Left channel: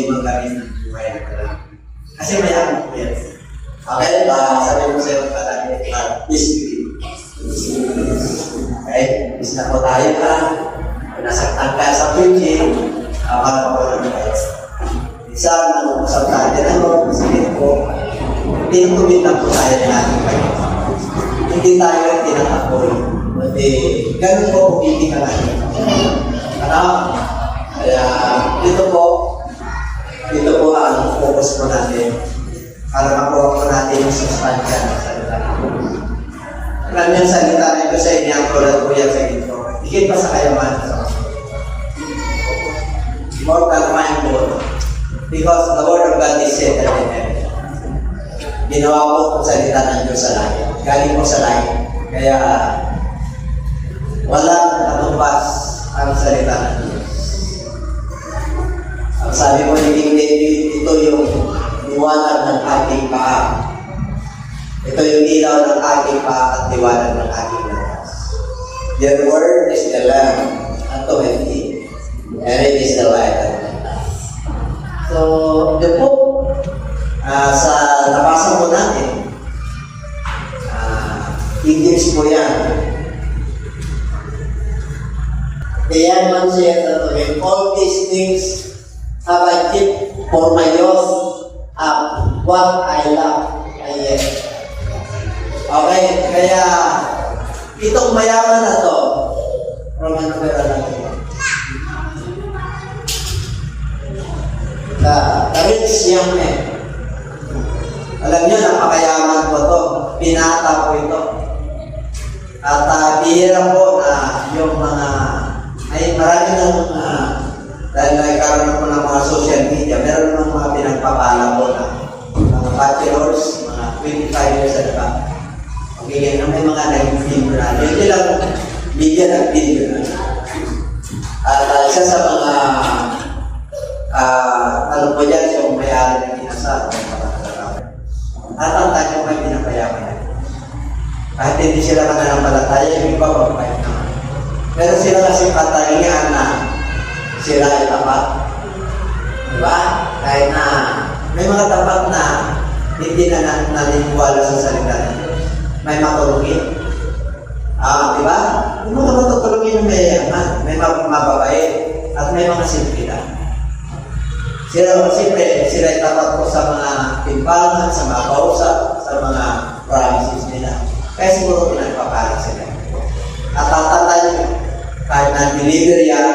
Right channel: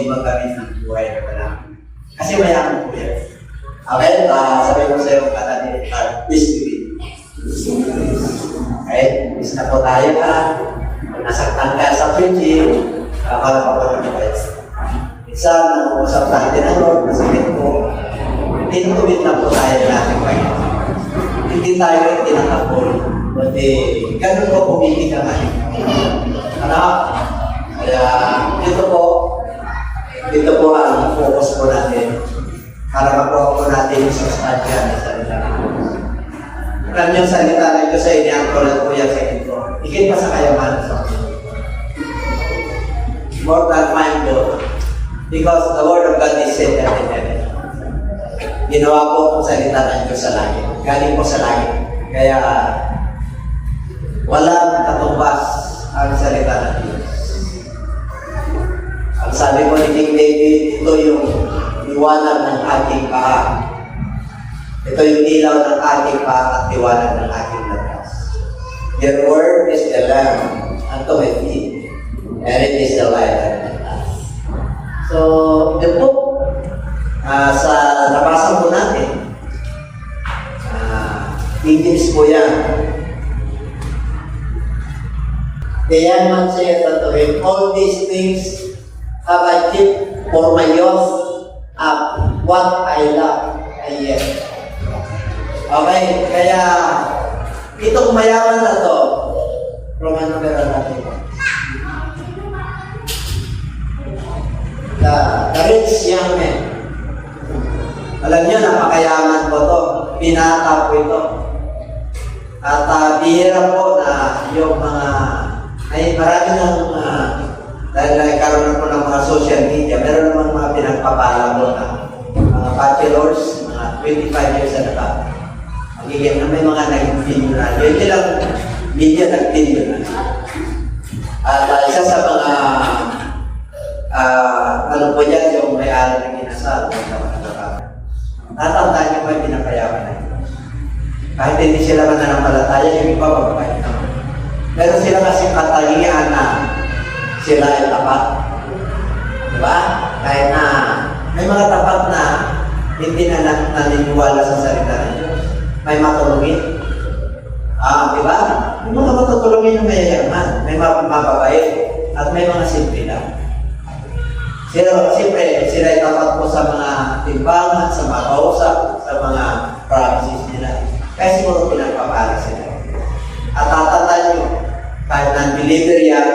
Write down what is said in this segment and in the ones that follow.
din magamit ng buhay na wala. Kasi mayaman po yan. Okay, sabi ko sa iyo, peace be with you. Okay, peace na po tayo nasaktan ka sa preaching, habang po ng guys. Minsan, nangungusap natin masakit po, tinutuwid na po tayo natin. Hindi tayo tinatapol. Kundi, ganun po pumili ka natin. Kaya, ito po ang focus po natin. Para makuha po natin yung sustansya ng salita nito. Alam yung salita nito sa inyo, ang tulad po yan sa inyo. Higit pa sa kayaman sa more than mind both. Because the word of God is set and heaven. Ginawa po ang salita ng Diyos sa langit. Galing po sa langit. Kaya walang katumbas ang salita ng Diyos. Ang sabi mo ni King David, ito yung liwanag ng ating paha. Ito yung ilaw ng ating paha at liwanag ng ating lakas. Your word is the lamp unto my feet, and it is the light unto my path. So, yun po, sa nabasa po natin, English po yan. The young man said unto him, all these things have I kept for my youth, what I love, I yet. Okay, kaya itong mayaman na to, Roman numero natin. The rich young man. Alam niyo, napakayaman po to. Binata po ito. At bihira po na yung mga, ay marami ng dahil nagkaroon na po ng mga social media, meron naman mga pinagpapala po na mga bachelors, mga 25 years na ba. Magiging na may mga nag-film na. Hindi lang media nag-film na. At isa sa mga ano po yan, yung may-ari ng kinasal. Tatandaan nyo may pinapayaman na yun. Kahit hindi sila mananampalataya, yung iba magpapayag naman. Pero sila kasi katalingan na sila ay tapat. Diba? Kahit na may mga tapat na hindi na naniniwala sa salita ng Diyos. May matulungin. Diba? Yung mga matutulungin yung may yaman, may mababait, at may mga simple na. Sila ay tapat po sa mga timbangan, sa mga kausap, sa mga promises nila. Kaya siguro pinagpapala sila. At tatandaan nyo, kahit non-believer yan,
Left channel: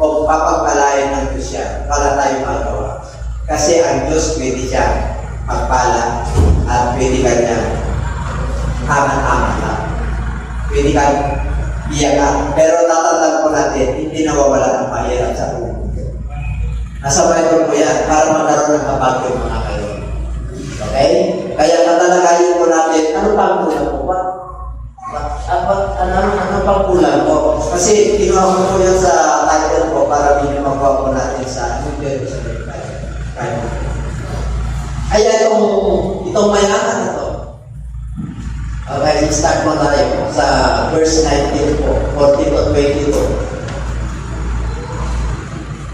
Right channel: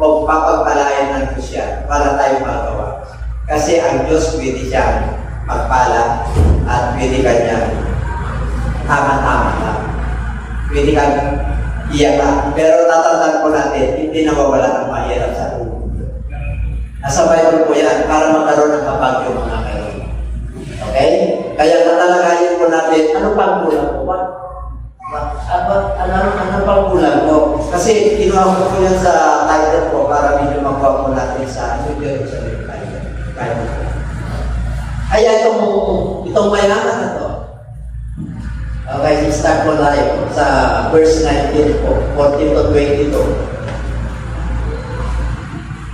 kung papagpalain ng Diyos yan, para tayo magawa. Kasi ang Diyos pwede siya magpala at pwede ka niya tama-tama lang. Pwede ka iyakan. Pero tatandaan po natin, hindi nawawala ang mahirap sa ulo. Nasa Bible po yan para magkaroon ng kapag yung mga karoon. Okay? Kaya natalagayin po natin, ano pa ang kulang po ba? Ano pa ang kulang po? Kasi kinuha ko po yan sa title po para medyo magawa po natin sa New Jerusalem. Kaya itong mayaman na to. Okay, start po tayo sa verse 19 po, 14 to 22.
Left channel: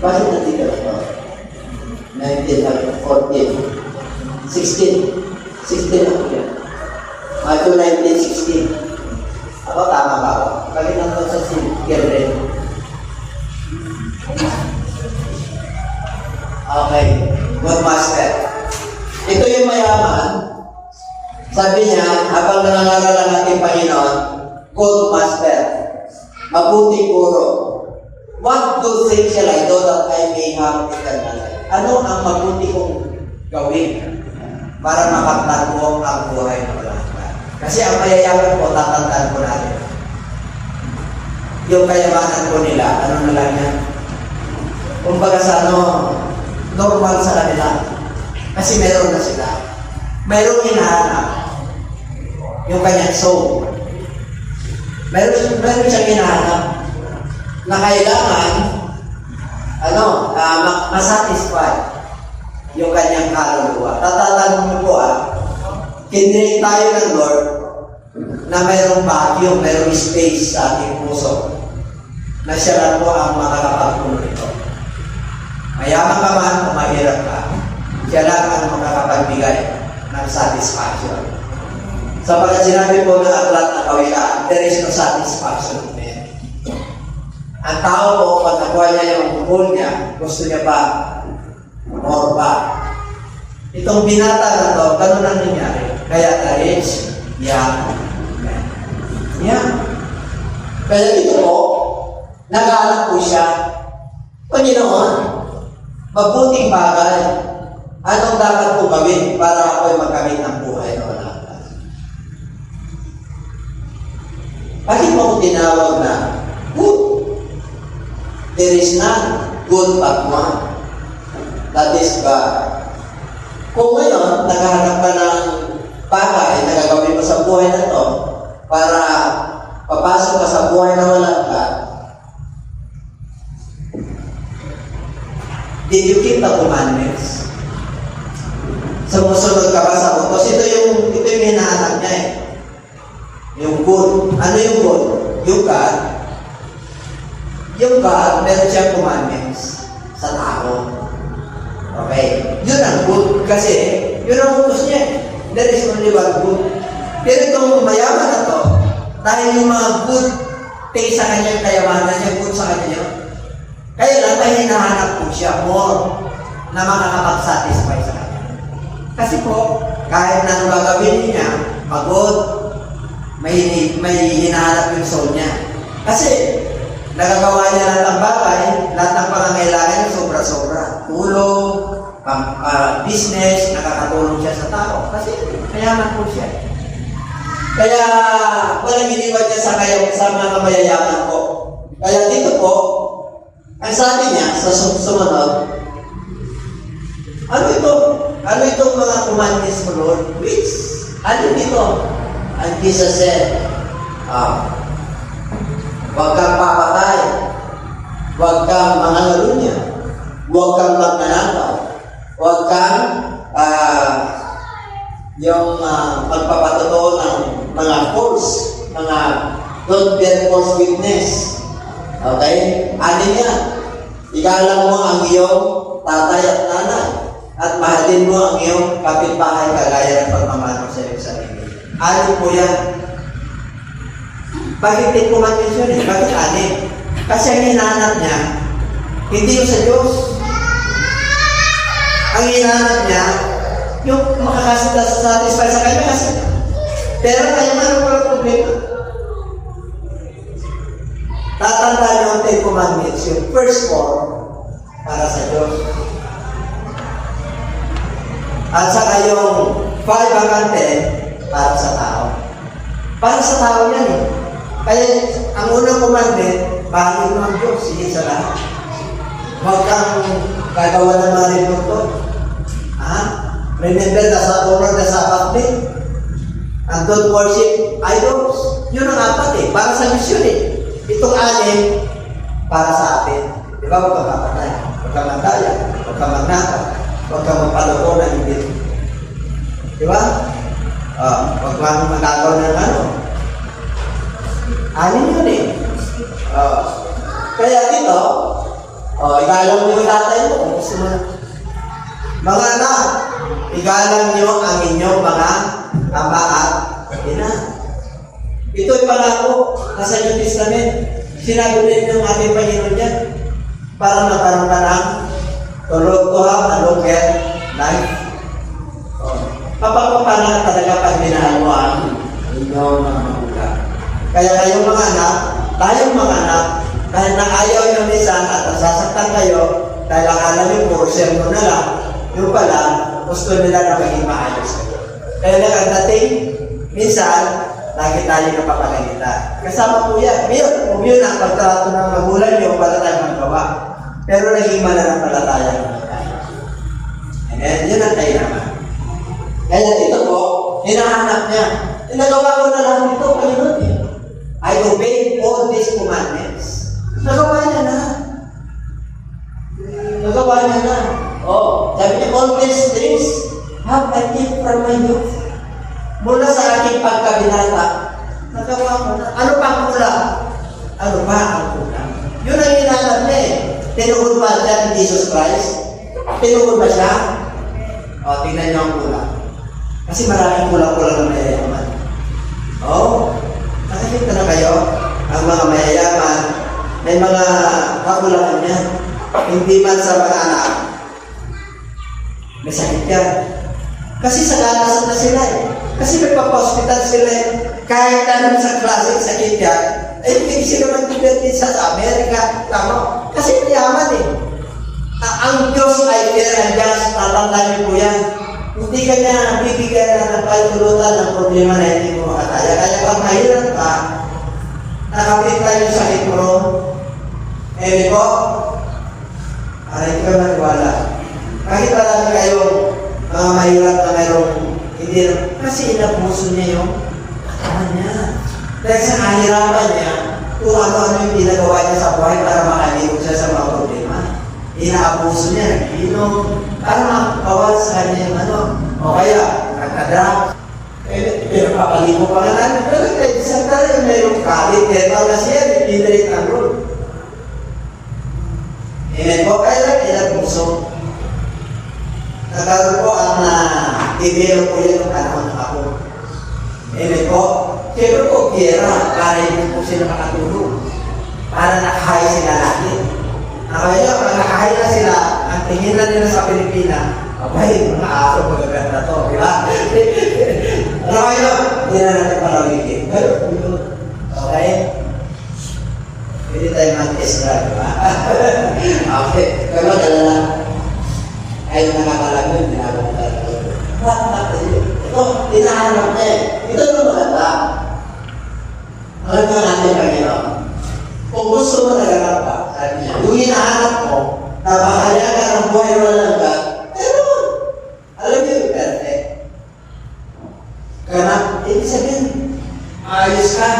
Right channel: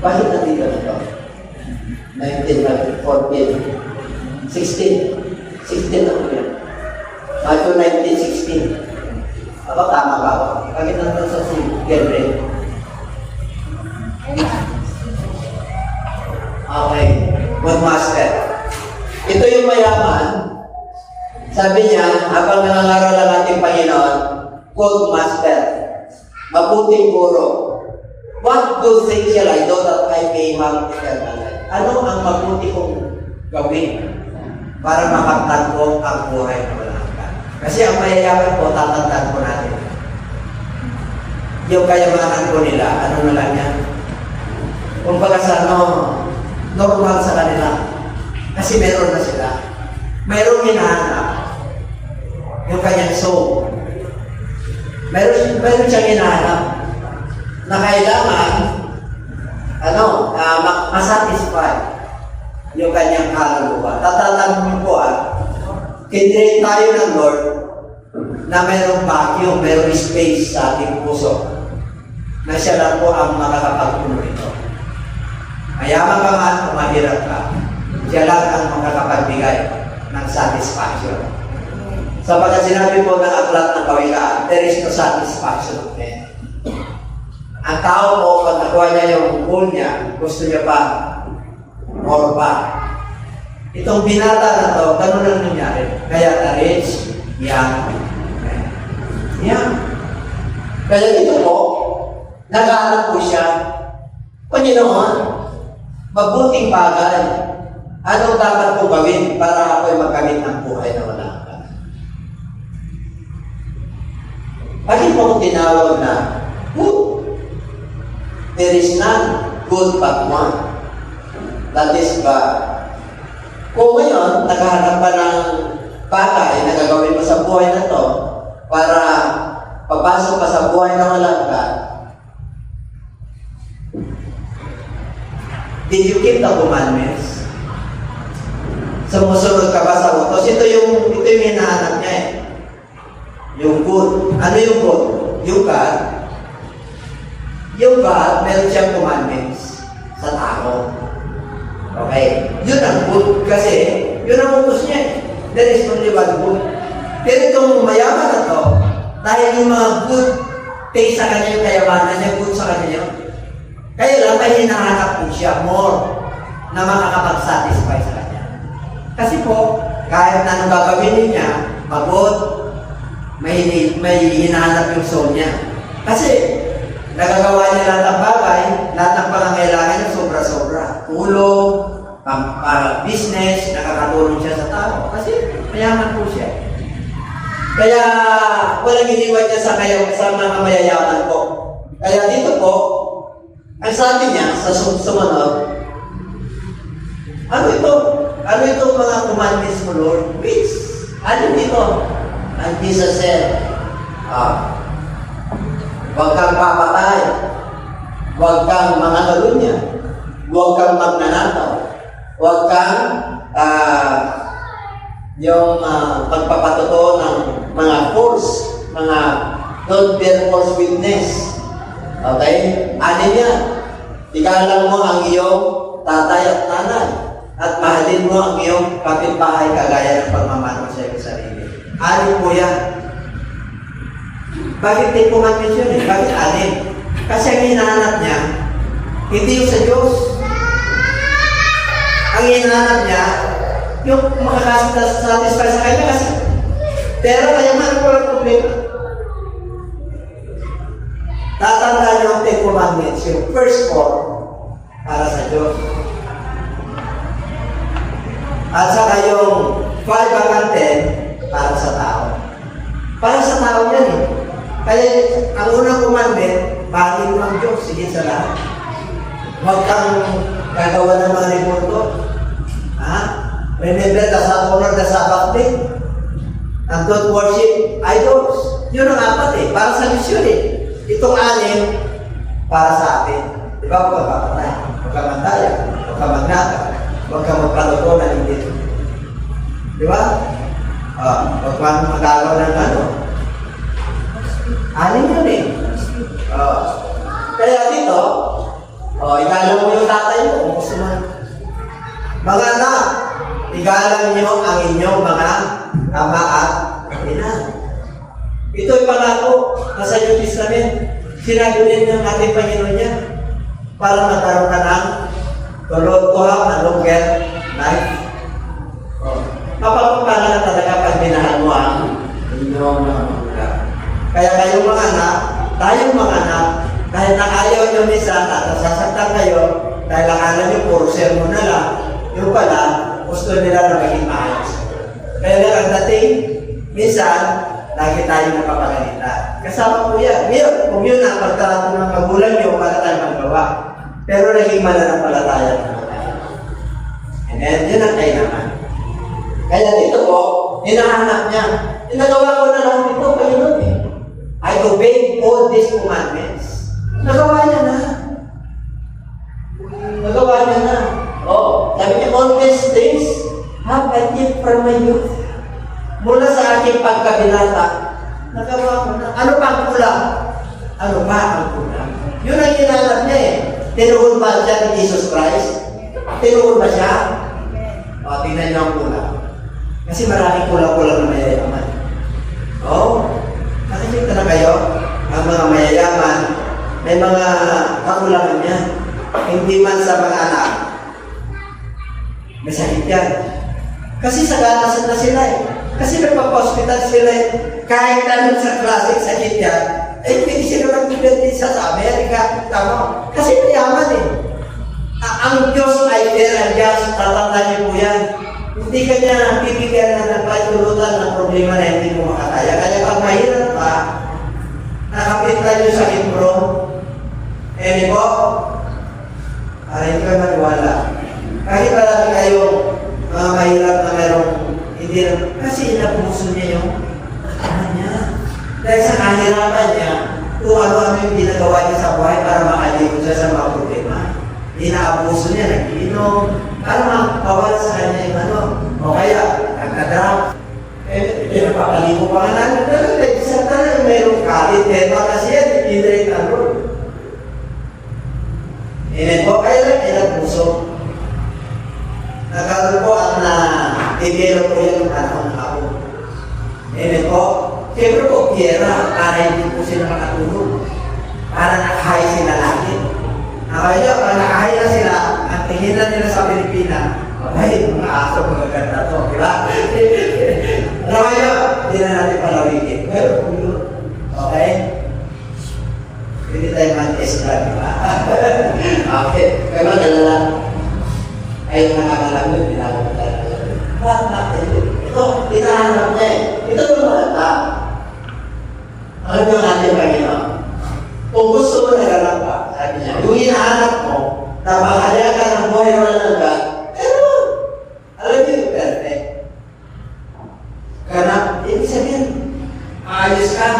Bakit natin ito? 19, 14, 16. 16 na po yan. Matthew 19:16. Ako tama ba ako? Bakit nandun sa Gilred? Okay. Good master. Ito yung mayaman. Sabi niya, habang nangangaral ang ating Panginoon, good master. Mabuting guro. What good things shall I do that I may have eternal life? Ano ang mabuti kong gawin para makaktan ko ang buhay ng walang hanggan? Kasi ang mayayaman po, tatandaan po natin. Yung kayamanan po nila, ano na lang yan? Kung baga sa normal sa kanila. Kasi meron na sila. Meron hinahanap. Yung kanyang soul. Meron siyang hinahanap na kailangan masatisfy yung kanyang kaluluwa. Tatatang mo po kinrate tayo ng Lord na mayroong vacuum, mayroong space sa ating puso na siya lang po ang makakapagpuno nito. Mayaman ka man o mahirap ka, siya lang ang makakapagbigay ng satisfaction. So pagka sinabi po ng aklat ng Kawikaan, there is no satisfaction of men. Ang tao po, pag nakuha niya yung goal niya, gusto niya pa, more pa. Itong binata na to, ganun ang nangyari. Kaya the rich, young man. Yeah. Kaya ito po, nag-aalap po siya, Panginoon, mabuting bagay. Anong dapat po gawin para ako'y magkamit ng buhay na wala ka? Bakit mo ko tinawag na good? There is none good but one. That is God. Kung ngayon, naghahanap ka ng bagay na gagawin mo sa buhay na to para papasok ka sa buhay na wala ka, did you keep the commandments? Sumusunod ka ba sa utos? Ito yung hinahanap niya eh. Yung good. Ano yung good? Yung God. Yung God, meron siyang commandments sa tao. Okay? Yun ang good. Kasi, yun ang utos niya eh. There is only one good. Pero itong mayaman na to, dahil yung mga good taste sa kanya yung kayamanan niya, good sa kanya yun. Kaya lang may hinahanap po siya more na makakapag-satisfy sa kanya. Kasi po, kahit na gagawin niya, pagod, may hinahanap yung soul niya. Kasi, nagagawa niya lahat ng bagay, lahat ng pangangailangan niya sobra-sobra. Tulog, business, nakakatulong siya sa tao. Kasi, mayaman po siya. Kaya, walang iniwan niya sa mga mayayaman po. Kaya dito po, ang sabi niya sa sumunod, ano itong mga commandments mo, Lord? Which? Ano dito? And Jesus said, huwag kang papatay, huwag kang mangalunya, huwag kang magnanakaw, huwag kang magpapatotoo ng mga false, mga don't bear false witness. Okay? Ano yan? Igalang mo ang iyong tatay at nanay at mahalin mo ang iyong kapitbahay kagaya ng pagmamahal sa iyong sarili. Ano po yan? Bakit may commandments yun eh? Bakit anin? Kasi ang hinahanap niya, hindi yung sa Diyos. Ang hinahanap niya, yung makakasatisfy sa kanya kasi. Pero kaya man ko ang problema. Tatandaan niyo ang 10 commandments, yung first 4 para sa Diyos. At saka yung 5 hanggang 10 para sa tao. Para sa tao yan eh. Kaya ang unang commandment, bahalin mo ang Diyos, sige sa lahat. Huwag kang gagawa ng mga remoto. Remember the honor the Sabbath day. And don't worship idols. Yun ang 4 eh. Para sa Diyos yun eh. Itong 6, para sa atin. Di ba? Huwag kang papatay, huwag kang mandaya, huwag kang magnakaw, huwag kang magpaluto na hindi. Di ba? Huwag kang magagawa ng ano. 6 yun eh. Kaya dito, igalang mo yung tatay mo kung gusto mo. Mga anak, igalang nyo ang inyong mga ama at ina. Ito'y pangako nasa New Testament. Sinabi rin ng ating Panginoon niya para magkaroon ka ng to have a longer life. Papapapanan talaga pag minahal mo ang inyong mga magulang. Kaya kayong mga anak, tayong mga anak, dahil na ayaw nyo minsan at nasasaktan kayo, dahil akala nyo puro sermon na lang, yung pala, gusto nila na maging maayos. Kaya lang ang dating, minsan, lagi tayo napapagalita. Kasama po yan. Kung yun ang pagtrato ng magulang nyo, para tayo magawa. Pero naging mananampalataya naman tayo. And yun ang kailangan. Kaya dito po, hinahanap niya. Nagawa ko na lang dito, Panginoon eh. I obeyed all these commandments. Nagawa niya na. Nagawa niya na. Sabi niya, all these things have I lived from my youth. Mula sa aking pagkabinata, nagawa ko na. Ano pa ang kulang? Ano pa ang kulang? Yun ang hinahanap niya eh. Tinugon ba siya ni Jesus Christ? Tinugon ba siya? O, tingnan niyo ang kulang. Kasi maraming kulang-kulang na mayayaman. Oo. Nakikita na kayo? Ang mga mayayaman, may mga kakulangan niya. Hindi man sa mga anak. May sakit yan. Kasi sa ganasan na sila eh. Kasi nagpapa-hospital sila eh. Kahit anong sa klaseng sakit yan, ay hindi sila mag-depende sa Amerika. Tama? Kasi mayaman eh. Ang Diyos ay fair and just. Tatandaan niyo po yan. Hindi ka niya bibigyan na ng pagtulutan ng problema na hindi mo makataya. Kaya pag mahirap ka, nakapit tayo sa ikuro, eh po, aray ka maniwala. Kahit talaga kayong mga mahirap na merong hindi, kasi inabuso niya yung katawan niya. Dahil sa kahirapan niya, kung ano-ano yung ginagawa niya sa buhay para makalimot siya sa mga problema. Inaabuso niya, nag-inom, para makawal sa kanya yung ano. O kaya, nagka-drop. Pinapapalipo pa nga namin. Pero isa talaga merong kalit. Tema kasi yan, pinrate ang rule. Amen po, kaya lang, inabuso. Nagkaroon po ang i-develop ko yan ng panahon ng ako. Amen po. Siyempre po, pera, para hindi po sila makatulog. Para nakahay sila lagi. Kaya pag nakahay na sila, ang tingin na nila sa Pilipinas, abay, mga aso magaganda to, di ba? Ano kayo? Hindi na natin palawigin. Pero kung yun, okay? Pwede tayo mag-extra, di ba? Okay. Kaya magdala ayaw nakakalago, dinalaw na talaga. Bakit yun? Ito, hinahanap na eh. Ito yung maganda. Alam nyo natin, Panginoon. Kung gusto mo naganap ka, sabi niya, yung hinahanap mo, napakalyakan ng buhay mo lang ka, pero, alam niyo yung perfect. Ganap, ibig sabihin, maayos ka.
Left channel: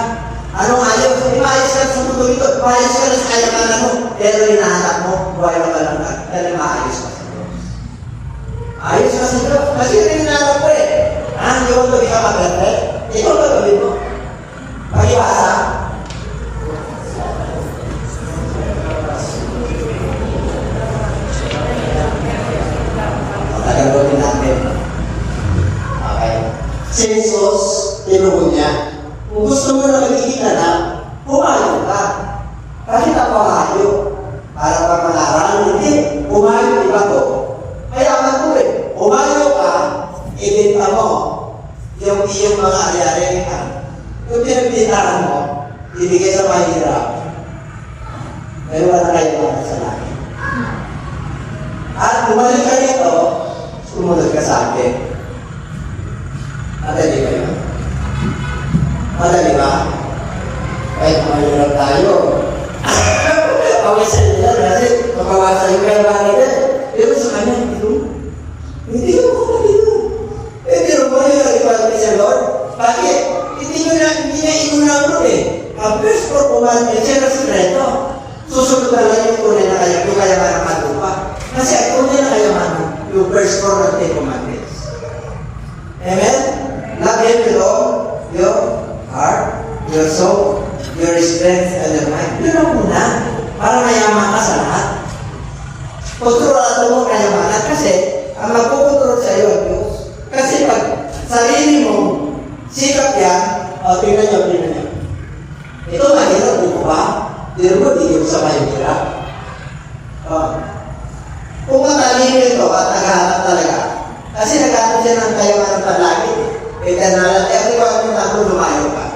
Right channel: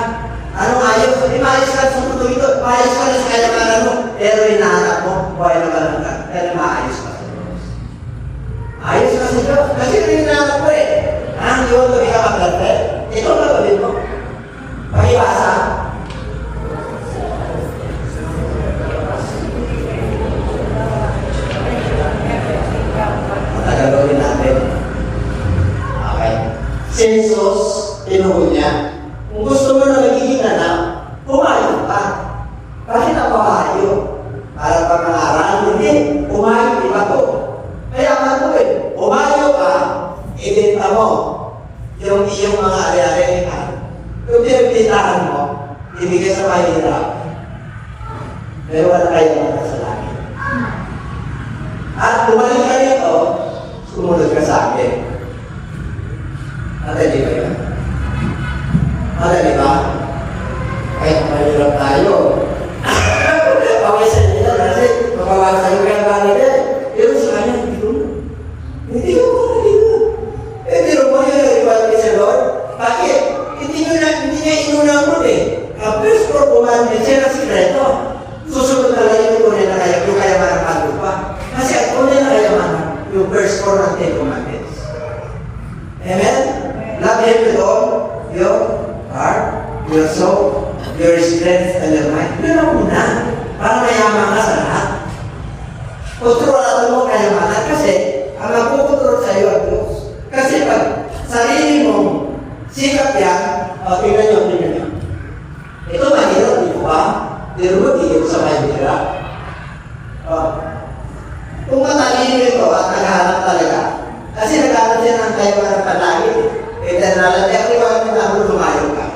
Anong ayos? Hindi maayos ka sa tutuloy ko. Maayos ka na sa kayamanan mo, pero hinahanap mo, buhay mo lang ka, pero maayos ka sa Diyos. Ayos ka sa Diyos. Kasi yung hinahanap ko eh. Hindi mo gabi ka mag-perfect. Ito na gawin mo. Pakibasa. Gagawin natin. Okay. Si Jesus, tinugon niya, kung gusto mo na magiging anak, pumayag ka. Bakit ako kayo? Para pag-alaran, hindi. Pumayag iba ko. Kaya ako eh, pumayag ka, ibenta mo yung iyong mga ari-ari ka. Yung pinagbintahan mo, ibigay sa mahirap. Meron na kayo mga sa langit. At bumalik ka rito, sumunod ka sa akin. Madali ba yun? Madali ba? Kahit mahirap tayo. Okay sa nila kasi mapawasan yung kaya balik eh. Pero sa kanya, hindi ko madali yun. Pero mo yun ang iwaliti sa Lord. Bakit? Hindi niya inunang mo eh. Ang first for commandment, siya na sikreto. Susunod na lang yung tunay na kaya, yung kayaman ng kalupa. Kasi ang tunay na kayamanan, yung first for ng Ten Commandments. Amen? Love Him with all your heart, your soul, your strength, and your mind. Yun ang una. Para mayaman ka sa lahat. Kontrolado mo kayamanan kasi ang magkukontrol sa iyo ang Diyos. Kasi pag sarili mo, sikap yan, tingnan niyo. Ito mahirap, di ko ba? Di mo bigyan sa mahirap. Kung matalino ito at naghanap talaga, kasi naghanap din ang kayamanan palagi. Eternal, kung bakit mo na lumayo ka.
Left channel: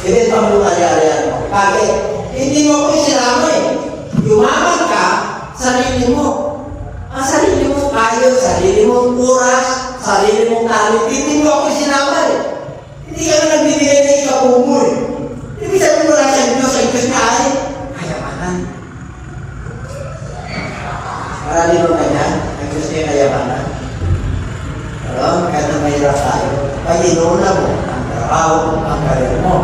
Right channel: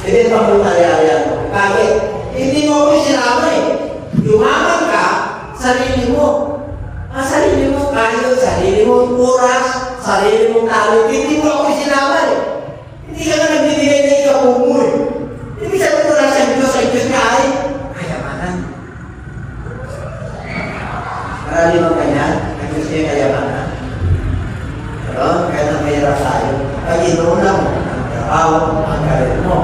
Hindi pa mo nangyari mo. Bakit? Hindi mo ako sinama eh. Yumaman ka, sarili mo. Ang sarili mo kayo, sarili mo oras, sarili mong talent. Hindi mo ako sinama eh. Hindi ka na nagbibigay na ikaw mo eh. Ibig sabihin mo lang sa Diyos, ay Diyos na ay kayamanan. Marami mo kanya, ang Diyos niya kayamanan. Pero, kahit na mahirap tayo, ay inuna mo ang trabaho, ang karir mo.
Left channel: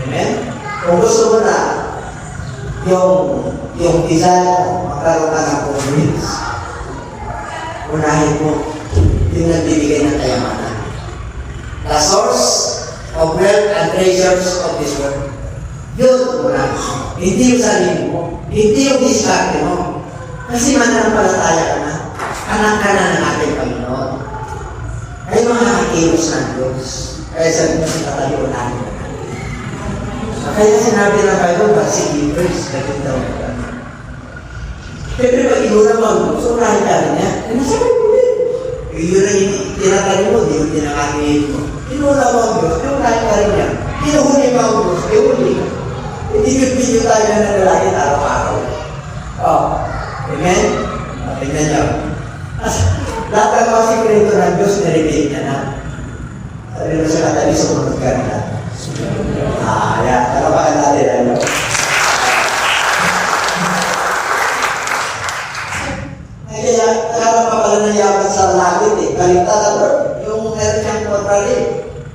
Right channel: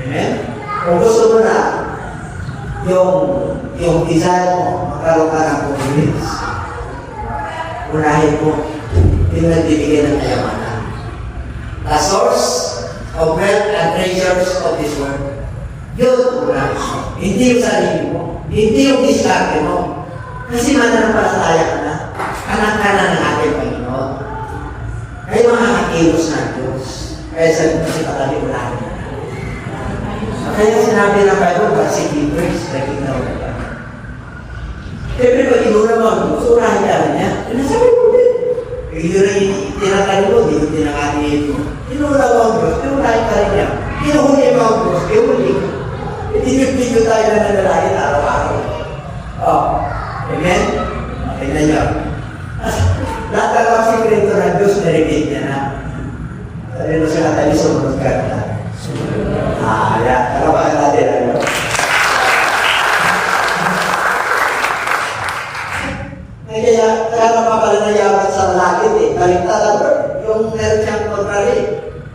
Amen? Kung gusto mo na yung desire mo, magkaroon ka ng convince, unahin mo yung nagbibigay ng kayamanan. The source of wealth and treasure of this world. Yun muna. Hindi yung sarili mo. Hindi yung diskarte mo. Kasi mananampalataya ka na. Anak ka na ng ating Panginoon. Kayo mga kakilos ng Diyos. Kaya sabi ko sa kataliunahin na natin. Kaya sinabi ng Bible, but seek ye first the kingdom of God. Siyempre, pag inuna mo ang Diyos, unahin ka rin niya. Nasabi ko din. Yun ang tinatali mo, di yung tinakalihin mo. Inuna mo ang Diyos, unahin ka rin niya. Inuhuli mo ang Diyos, iuhuli. Hindi tayo na nanalangin araw-araw. Oh, amen? Tingnan niyo. Lahat ang mga sikreto ng Diyos, nirigate niya na. Sabi mo sa katali, sumunod ka na. Yan. Talamaan natin, ano? Kaya pa pala nayaman sa malapit eh. Kaligtas sa Lord. Yung meron siyang contrary.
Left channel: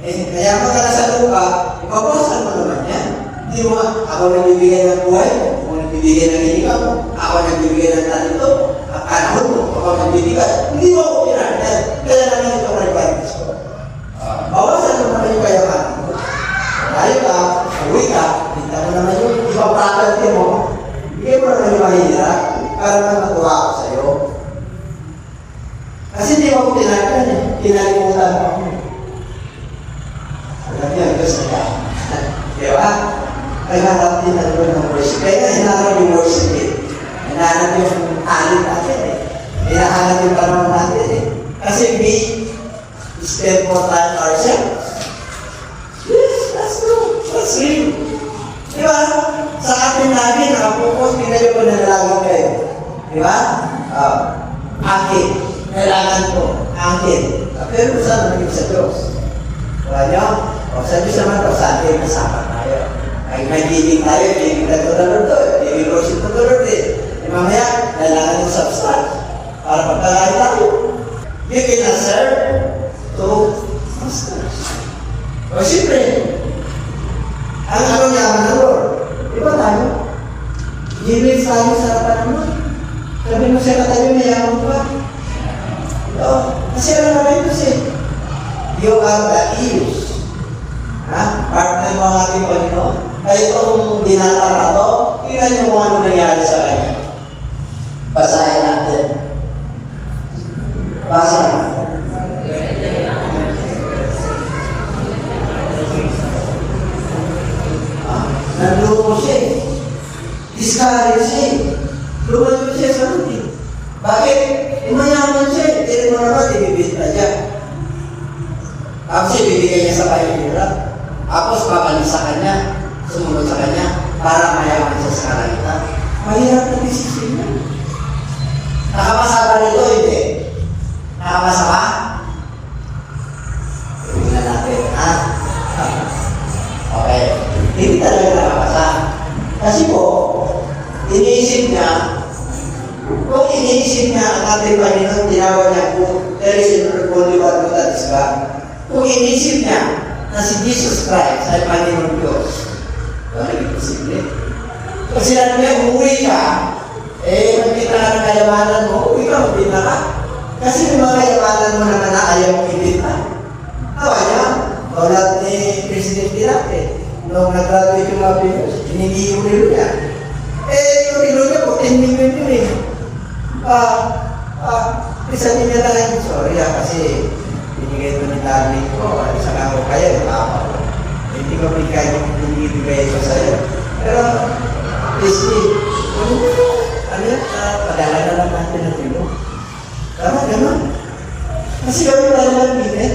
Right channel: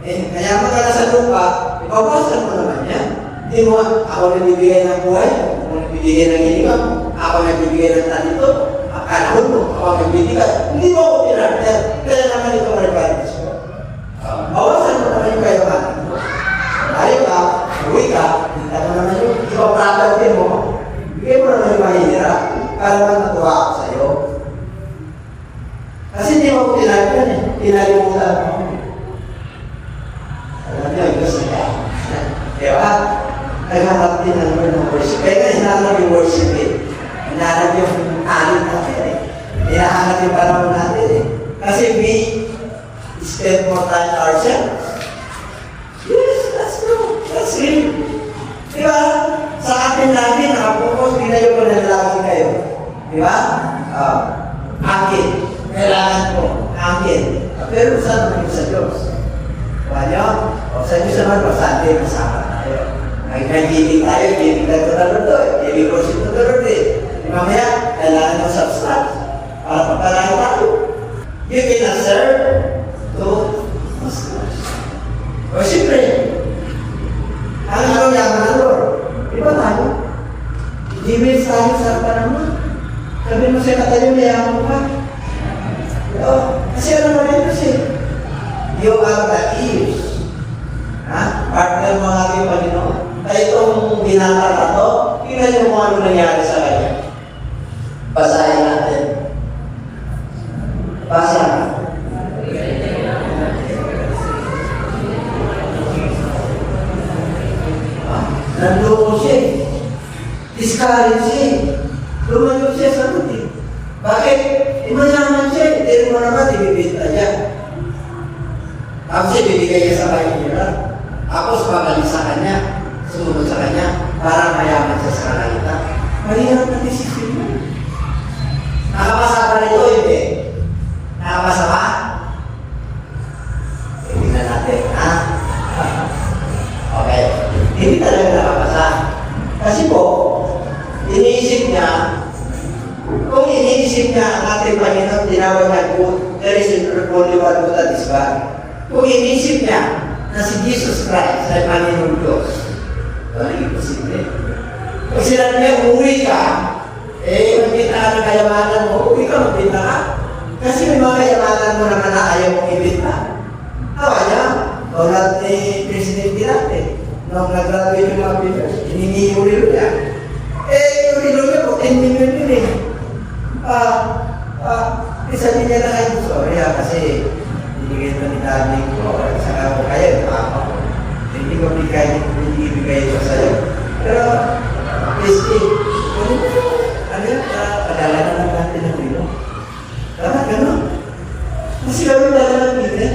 Kaya mga nasa lupa, ipapasa mo naman yan. Hindi mo, ako nagbibigay ng buhay mo, ako nagbibigay ng hininga mo, ako nagbibigay ng talento, panahon mo, ako nagbibigay. Hindi mo ako pinartan. Kaya naman ito requirements ko. Bawasan mo naman yung kayaman mo. Balik ka, uwi ka, hinta mo naman yung ipapratantin mo. Bigay mo naman yung mahihira para naman natuwa ako sa'yo. Kasi hindi mo ako tinartan eh. Tinalimutan mo ako. Alam niyo, ang Diyos na ka. Diba? Naghanap din ng worship. Kaya hinahanap yung worship eh. Hinahanap yung alin natin eh. Hinahanap yung panahon natin eh. Kasi we spend more time ourselves. Yes, that's true. That's real. Diba? Sa atin namin, nakapokus, hindi na yung pananalagan kayo. Diba? Akin. Kailangan ko. Akin. Pero saan naman yung sa Diyos? Diba nyo? O sa Diyos naman, pag Sunday, kasama tayo. Ay nag-giving tayo, giving tayo na rin doon. Giving worship na rin din. Di mamaya, kailangan yung substance. Para pagkalain tayo. You can serve to masters. O siyempre, ang araw yaman ng Lord. Diba tayo? Giving tayo sa harapan naman. Sabi mo siya na tayo, mayaman pa. Kasi ano naman ito siya? You are the ears. Partner mo ang ating Panginoon. Kaya itong binata na ito, tingnan niyo kung ano nangyari sa kanya. Basahin natin. Basa natin. Nandoko siya. Discourage siya. Lumayo siya sa rutin. Bakit? Mayaman siya. Hindi mo naman, ibibita niya. Tapos ibibigay niya sa pahinira. Tapos babalik sa kanya, sumunod sa kanya, para mayaman siya sa kanalita. Mahirap na disipline niya. Nakapasa pa nito, hindi. Nakapasa pa? Tingnan natin, ha? Okay. Hindi talaga nakapasa. Kasi po, iniisip niya, kung iniisip niya ang ating Panginoon, tinawag niya po, there is only one good that is God. Kung iniisip niya na si Jesus Christ ay Panginoon Diyos, wala yung posible. Pag sinabi niya, umuwi ka, magkita ka ng kayamanan mo, uwi ka, magbita ka. Kasi yung mga kayamanan mo naman na ayaw mong ibita. Tawa niya, tulad ni President Dirate, nung nag-graduate yung mga Pilipinas, hindi yung rilo niya. Yung rilo niya, 14 million yun eh. Isabi niya lang, sorry kasi binigay ito ni Darley ko, isa ka ako kaya, yung apa ko. Hindi ko bigay ito sa'yo. Pero, basically, ano yan, padala na lang natin ng rilo. Tama, gano'n. Kasi kami talaga ng bitin.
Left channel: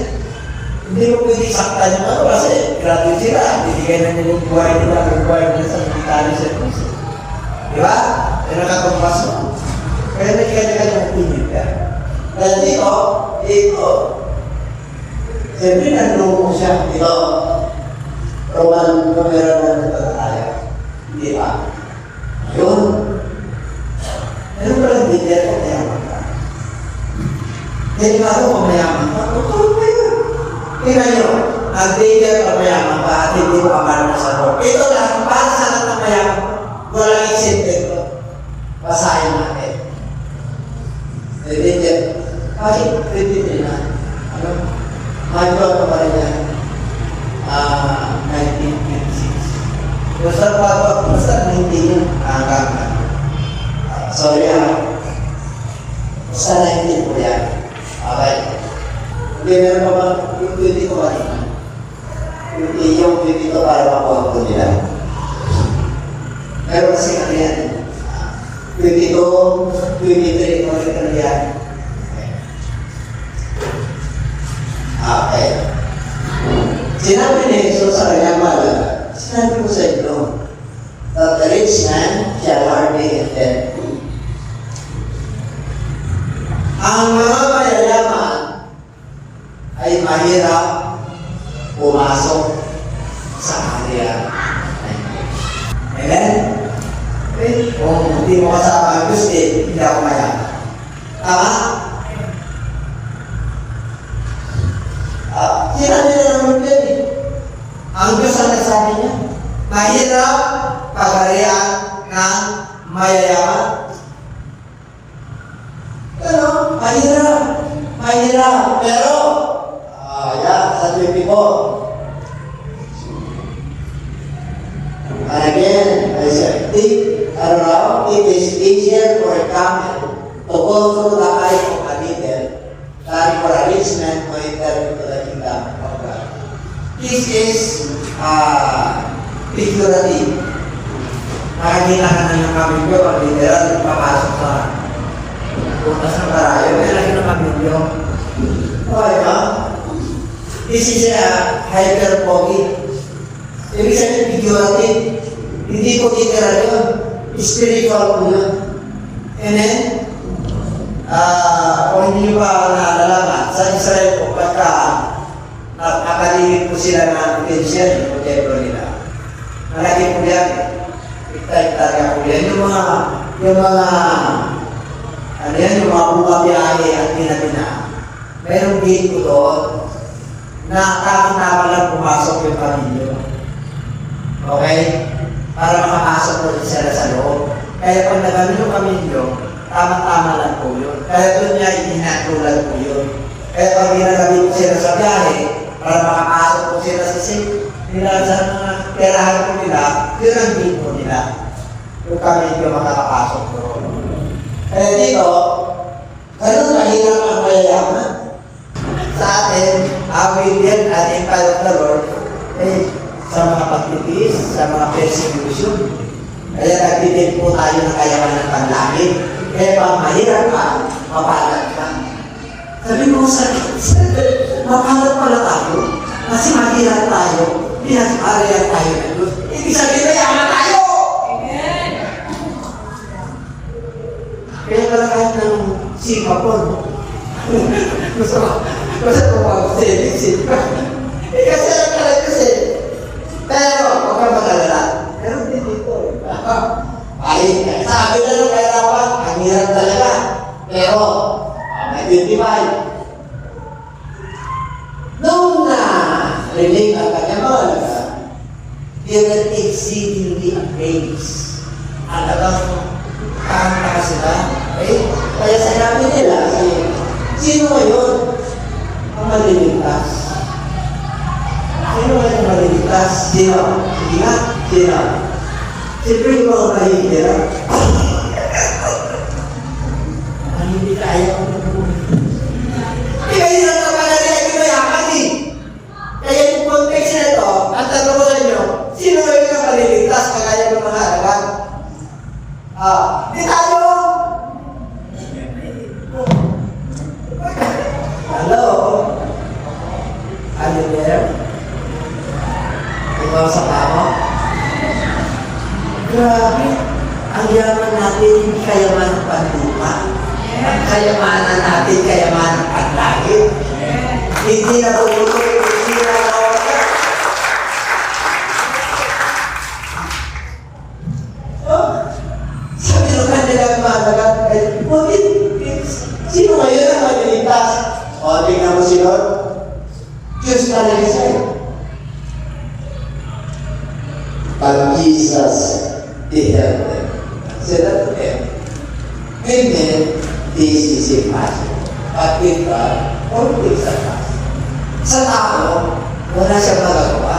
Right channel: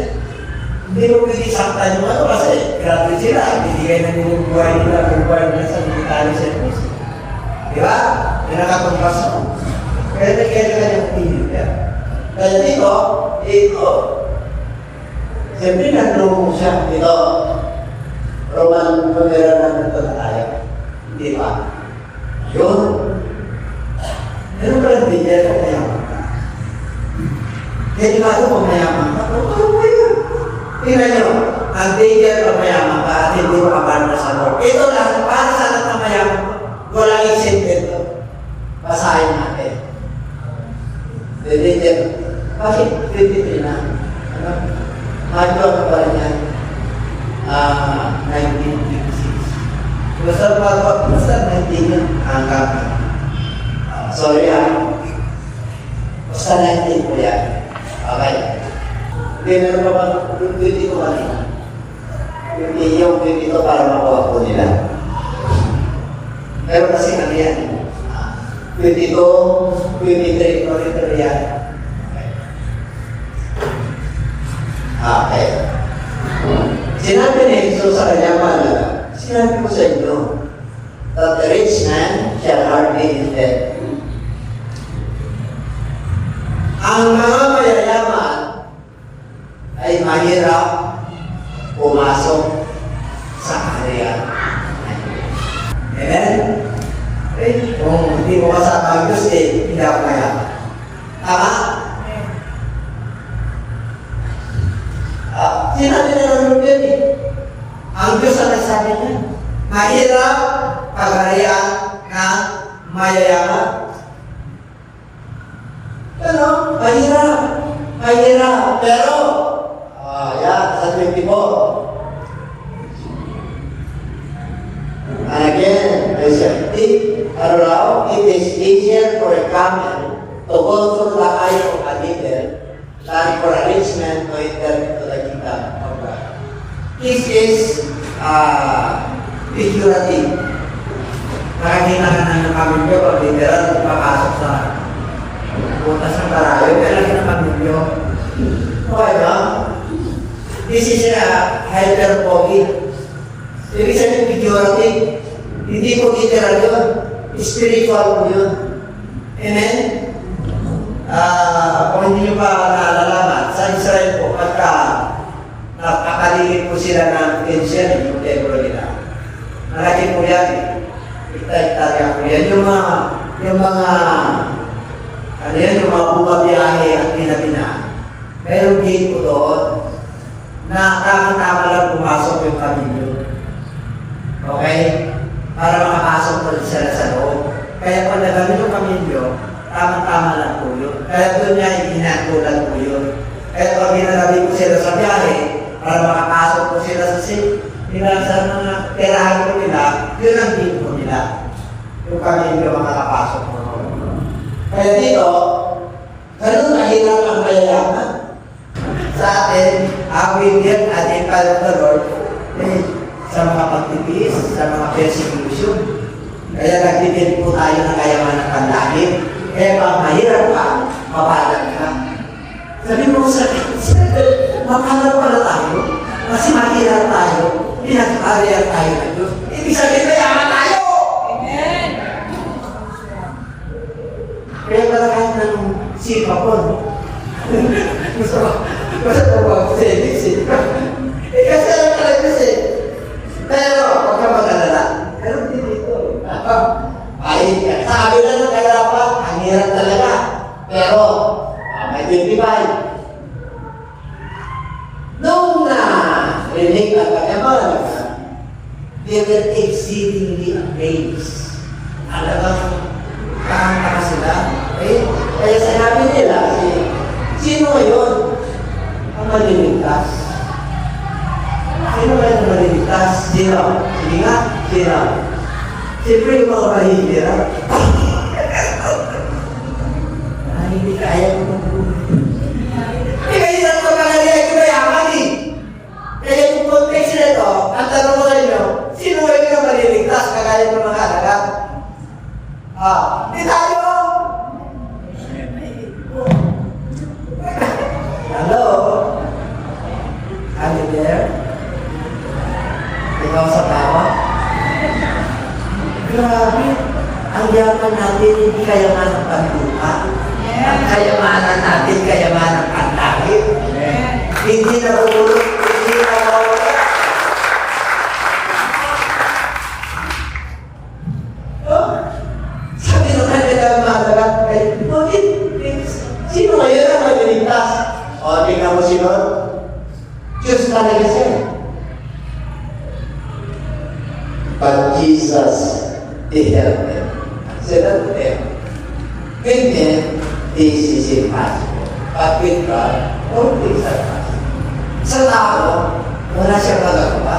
Hindi mo pwede sakta yung ano kasi graduate sila, bibigay na nila yung buhay nila sa military service. Di ba? Kaya nakatagpas mo. Kaya may kanya-kanyang opinion ka. Kaya dito, siyempre nandun siya. Ito, Roman numero na tayo. Di ba? Yun. Pero pala hindi ko mayaman ka. Kaya nga ito mayaman ka. Ano ba yun? Tingnan nyo, ang danger na mayaman ka at hindi makamano sa Lord. Ito lang, para sa lahat na mayaman, walang isipin ko. Basahin natin. The danger. Bakit? Titipin na. Ano? Medyo ano pa rin yan? 1956. hanggang sorry basta 19 po yan. Okay. Hindi meron pa ba yung 22 kanina? Yung 22 para makuha po nila. Meron kasi kanina 22, 23, ulit yan. Okay. Sinabi ni Jesus sa kanyang mahal, sinabi ko sa inyo, that the rich man shall hardly in debt. Ang mga mayayaman ay mahirap pumasok sa kaharian. Amen? Kung hindi mo kasama ang Diyos, hindi ako mayaman. Tama? Sinabi na naman yun ang Diyos ang nagsabi niya, mahirap pagharian ng mayayaman. Pero, mahirap. Pero, sa 24. And again, it is easier for a camel to go through the eye of a needle than for a rich man to enter into the kingdom of God. This is figurative. Makikita ka na ng pamilyo, literal, papasok sa butas ng barayo, may lagi ng pamilyo. Okay ba? This is hyperbolic. Ibig sabihin, figurative. Hindi po literal yun. Spiritual po yun. And then, kung hindi nyo pa naalalaman, sa Israel po, pagka nakapaligid po sila ng pension, yung templo nila. Malaki po yan. Hektar-hektar po yan. Yung mga bumabiyahe at pinatina. Merong gate po doon na tama-tama lang pumasok yung pamilyo. Okay? Para makapasok po sila sa loob. Kaya pag nagamit yung pamilyo, tama-tama lang po yun. Kaya doon niya itinatulan po yun. Kaya pag ginagabi po sila sa biyahe, para makapasok po sila sa nila sa mga perahan po nila, yun ang gate po nila. Yung pamilyo makakapasok po ron. Kaya dito, ganun kahirap ang mayayaman. Sa atin, awin din at Empire of the Lord, sa mga pagtitis, sa mga persecution. Kaya nagtitin po tayo ng kayamanan ng panlangit. Kaya pag mahirap ka, mapalag ka. Sabi mo sa mapalag pala tayo, kasi mahirap tayo, pinag-area tayo ng Diyos. Ibig sabihin, mayaman tayo! Amen! Kaya pala kahit ng sipapon, gusto ko pag-savings kasi alam ka lang Diyos Pero, huwag kang mag-alala. Pero hindi dito ay, sabi lang ng kahirapan, ang hirap talaga. Pero, may 25. Noong rinig ang kanyang they were exceedingly amazed. Alagang kakanta sila. Kaya sinabi nila, sino ngayon ang maliligtas? Sino ngayon ang maliligtas? Sino? Sige nga, sino? Siyempre yung mga mahihira. Hindi kaya ko mag-buhay. Kahirap ka pala nila yung mayaman Kaya yung context na ito, ang tanong ko sa inyo, sino ngayon ang maliligtas kagaya ng mga halagang? Di tayo! Hello? Are you there? Ikaw sa tawa? Grabe! Ang yaman natin, hindi kayaman ng pantuka. Ang kayamanan natin, kayaman ng panlangit. Hindi na bumulog, hindi na nawala. Sabi nung kanilang mga dagat, sino ngayon ang maliligtas? Tingnan mo sino? Diyos talaga siya. But Jesus, He helped them. Said that to them. With men, this is impossible. But with God, all things are possible. Sa tao, wala siyang magagawa.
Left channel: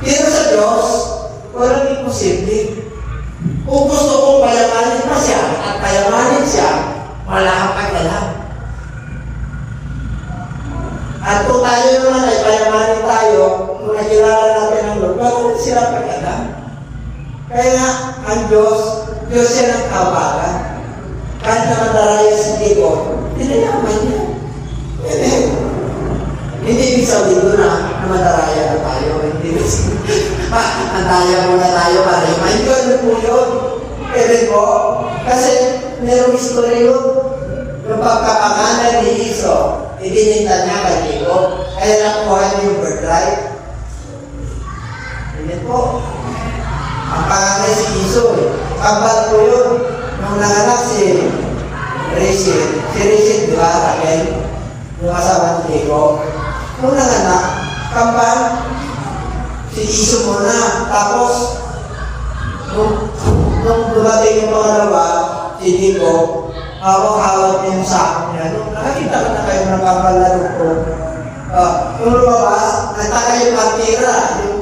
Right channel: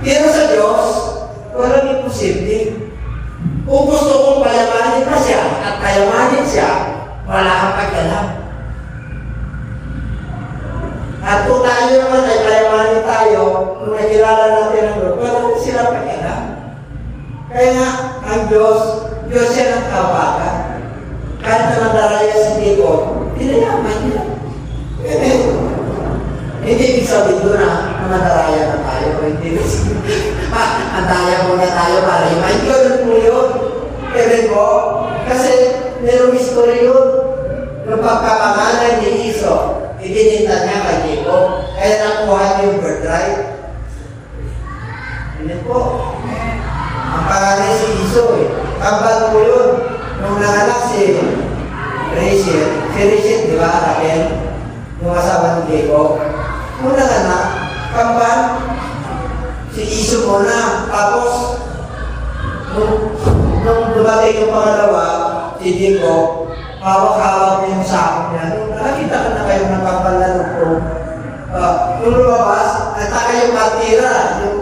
Pero sa Diyos, walang imposible. Kung gusto kong payamanin pa siya at payamanin siya, wala kang pagkalam. At kung tayo naman ay payamanin tayo, kung nakilala natin ang Lord, wala rin sila pagkalam. Kaya nga, ang Diyos siya ng kawagan. Kahit na nadaraya si Jacob, pinayaman niya. Hindi ibig sabihin doon na madaraya na tayo. Hindi ibig sabihin, andaya muna tayo para imayin. Ganun po yun. Pwede po. Kasi merong history yun. Yung pagkapangalan ni Iso, ibininta niya kay Jacob. Kaya nakuha niya yung birthright. Hindi po. Ang pangalan si Iso eh. Kambal po yun. Nung nanganak si Rachel, di ba, Raquel? Yung asawa ni Jacob. Nung nanganak, kambal, si Iso muna. Tapos, nung dumating yung pangalawa, si Jacob, hawak-hawak na yung sakop niya. Nung nakakita ko na kayo ng kambal na lupro. Nung lumabas, nagtaka yung partira, yung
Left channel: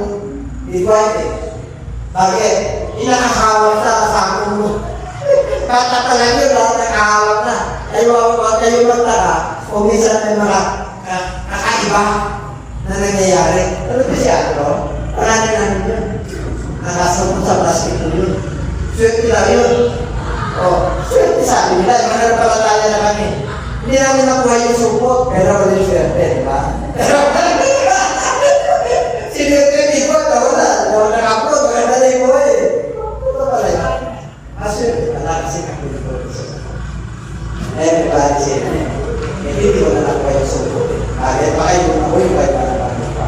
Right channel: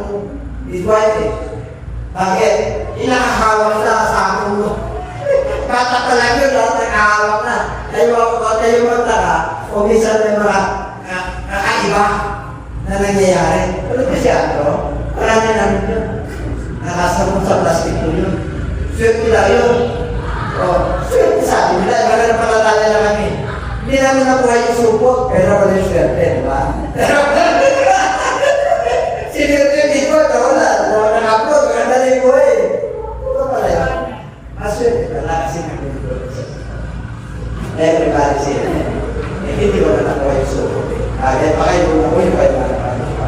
midwife eh. Bakit? Inakahawak sa sakop mo. Bata pa lang yun, lahat nakahawak na. Kayo magtaka, o minsan may mga kakaiba na nangyayari. Ano ba siya, bro? Wala na namin yun. Nakasabot sa plastic ko yun. Swerte lang yun. O, swerte sabi nila, iba na palataya na kami. Hindi namin nakuha yung supot, pero wala yung swerte, di ba? Pero, sinerte, di ko, wala. Naka-upload, maganda na yung buhay. Ito pala yun. Maswerte pala kasi nakulito. Everybody say, hindi ko na nakuha yung supot. Kaya pa kayo nakuha yung kahit para pa.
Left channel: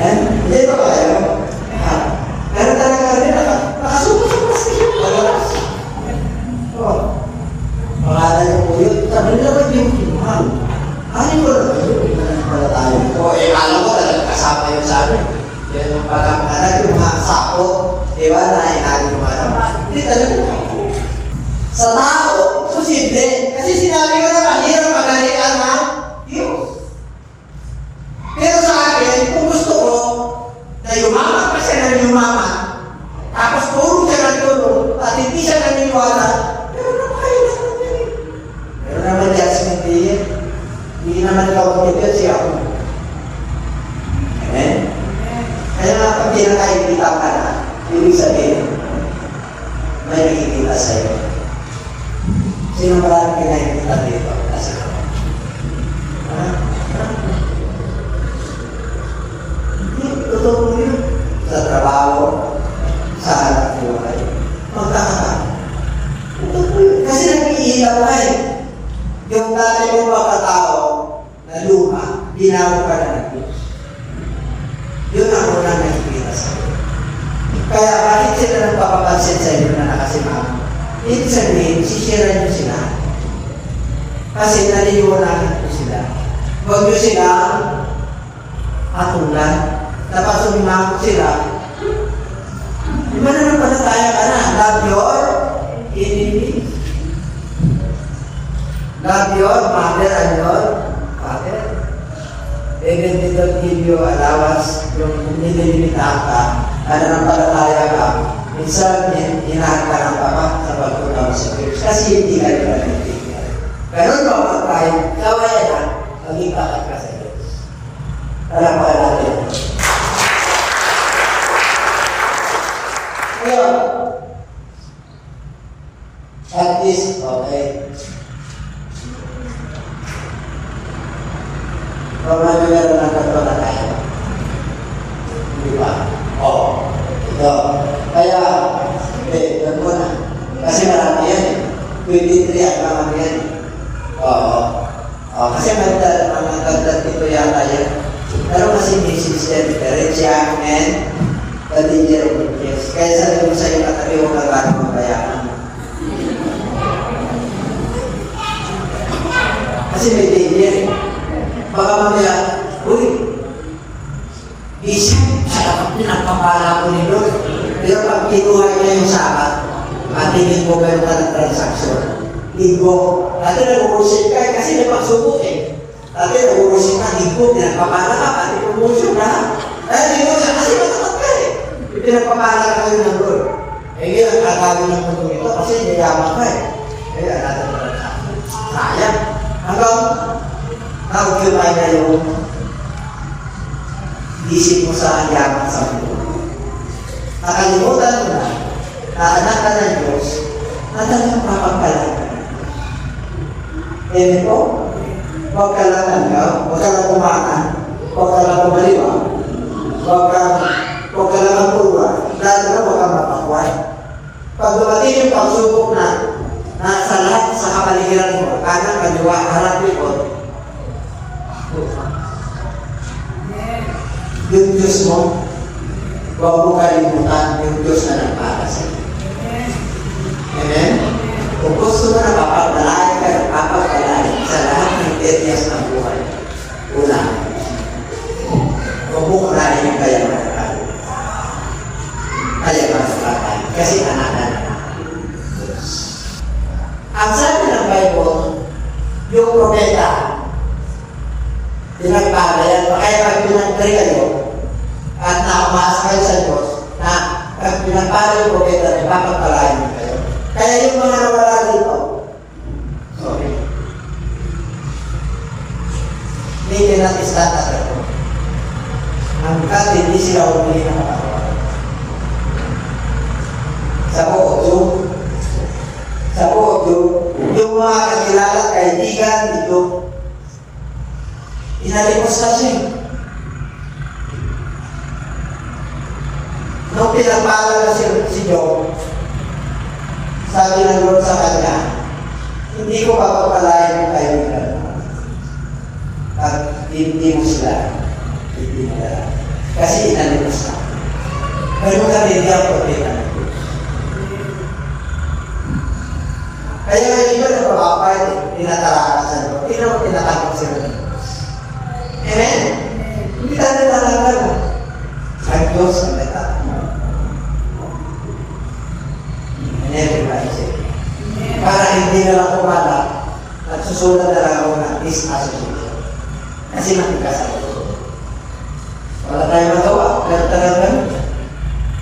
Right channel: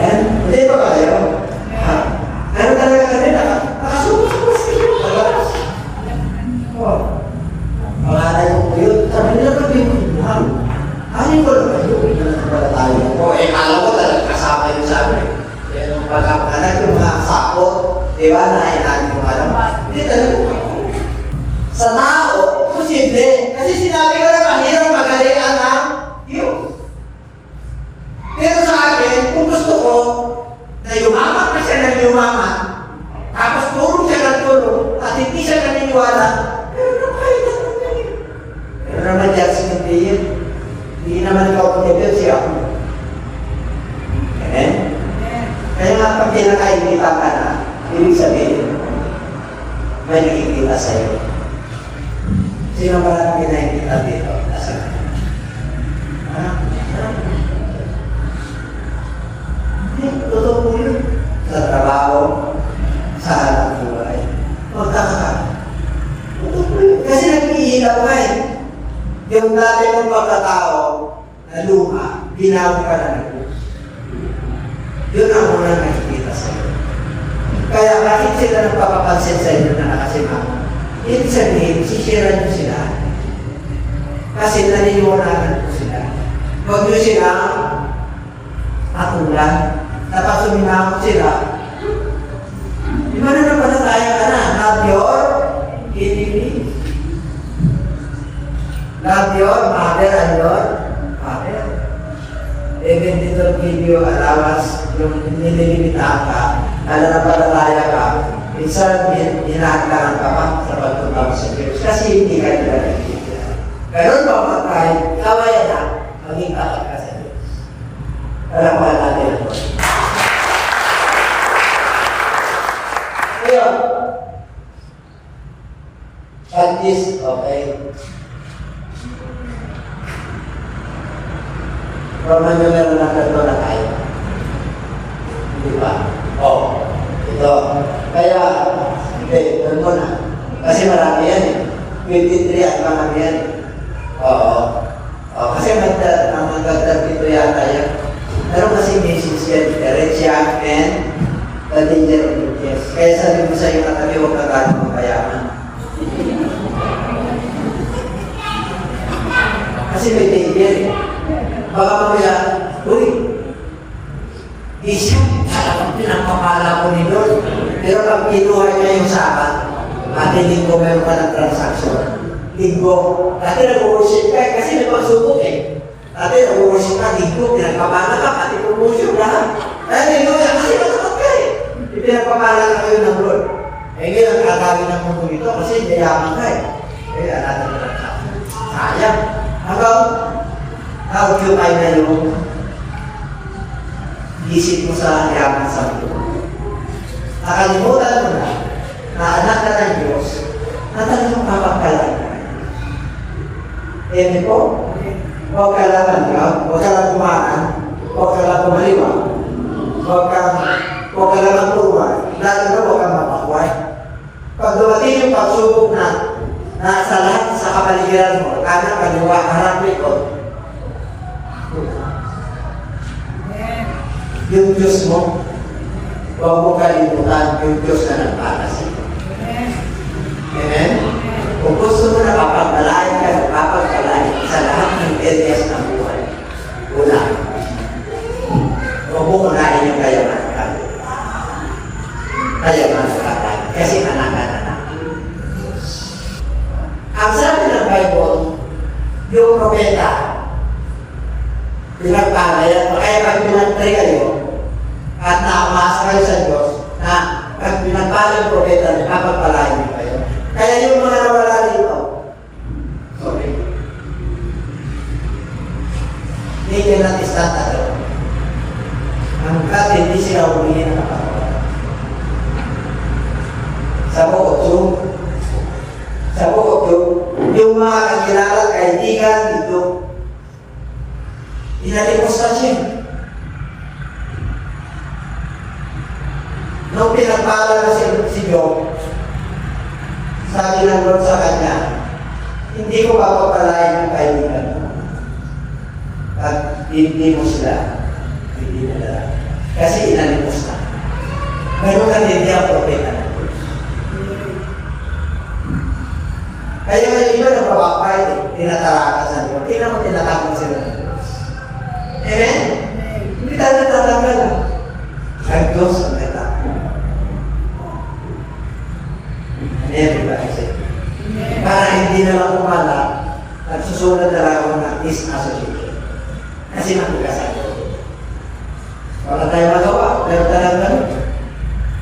And, hindi ba kayo? Ano talaga rin nakasuko sa plastic yung pagalas. Pangalan yung po yun. Sabi nila ba yung kinuhang? Ano ko na ba yun? Pala tayo. Alam ko talaga kasama yun sa amin. Yan ang pagkapangalan yung mga sakot. Diba na inanin mo alam. Hindi talaga ako. Sa tao, posible. Kasi sinabi ko na mahirap magalikan ng Diyos. Pero sa akin, kung gusto ko, na yumaman pa siya ng yumaman, tapos tulong siya ng tulong, at hindi siya naniniwala, pero nakaya na naman yan. Pero naman judgment day yun. Hindi naman ikaw pagkipil siya ako. Amen? Kaya nga pag pinakaibita ka na, ibig sabihin, may nakikita sa'yo. Sino ba pinakikita dito? Kasi totoo po yun. Sa trabaho, sa hanap buhay. Magkakasama. Totoo po yun. Kasi nag-iilaw ka eh. Yung dati mong pagkatao na luma, binago ka na ng Diyos. Yun ang unang nakikita sa iyo. Kaya bakit sila nagpapapansin sa inyo na nakasimama? Ibig sabihin, sisira nyo sila. Kasi naniniwalanan ko sila. Huwag nyo sila atulan. Tapos suminakot sila. Di ba na napalataya ka na? Love your enemy. Love your mother and your father. Even they don't give you allowance, yung nililimitahan ka, na napalataya ka, minsan hinahataran ka pa sa pagpunta mo sa Diyos. Kasi hindi ka nila nagtitiyan. Pero mapatay, kawaya na, maging kakad ka sa Diyos. Alam mo natin. Ngayon, at least, okay. Kung nag-meron na ito na tayo. Di ba? Oo. Ito. Kaya, ganun ko na. Kasi marami yan eh. 23 at marami yan eh. Oo. Kasi may dagdag dito yata yan. Pero kasi message yan. The rich young man, the danger of riches. Kaya sabi mo sa'yo katabi huwag ka gano'ng magpayaman. Kasi may danger eh. Baka mamaya, uy, isip, sarap pinapapala ko ni Lord. Pero pag kinuha niya yung sakat, at linggo meron ka ng transaction. Linggo, dati nag-worship ka kasi may pagsubok eh. Dati nag-worship ka, linggo, pinagpapala ka, pati promotion na. Dahil linggo na kasi matapat ka eh. Pinagpapala ka kayo ng Lord. Eh, ngayon, ang kagawin ng mundo ito kasi yayaman ka eh. Eh, alala mo lang ka. Sayang. Hanggang, na-occupy na yung isip mo sa yaman sa mundo. Nakalimutan mo na anak ka ng Diyos, na talagang papagpalaan ka ng Diyos. Eh, po, huwag ka lang huwag ka lang kumakan, huwag ka lang kumaliwa, huwag ka lang pulwa, lalo na huwag kang mapakway. Pag dumating yung pagsubok na sa lahat sa kapaligiran mo, kanan, kaliwa, harap, likod, yung Diyos mo, huwag mo kalimutan yung Diyos na nagpapala sa iyo. Amen? Kung gusto mo na papagpalain ka, papagpalain sa lahat ng areas ng buhay. Una, huwag mo unahin yung kayamanan ka. Kayamanan ka tayo. Kasi anak-anak na. Ang sabi ng Bible, yung propeta, pinagpalayan, kaya pag pinag-pray kayo, at naumasa kayo sa Diyos, na pag pinagpalayan yung propeta, may papagpalain niyo kayo. Kaya yung mga nawala dito, sorry, hindi natin stand at all. Hanggat hindi sila humili ng katawan. Sa buot yung mga kakilala, kaibigan dito, inalimos na siya. Nung pinagpala na si Job, sabi ng Lord sa kanya, hindi ko papapalain ang kaibigan mo. At hindi mo sila ibinadala. Kasi inalimos na. Ngayon ka hindi ang propeta ng Diyos. Kaya nga iba nagpapapay, tinatarakan sa Lord. Hindi naman tinatangkap sila ng Diyos. Amen? Hindi tayo natatanggal. Ang Diyos ang natatanggal. Everybody say, para hindi na lang kumala at susunod na lang ako ng disassociation. Kasi magkakasal ko. Wala tayong magawa, pero talagang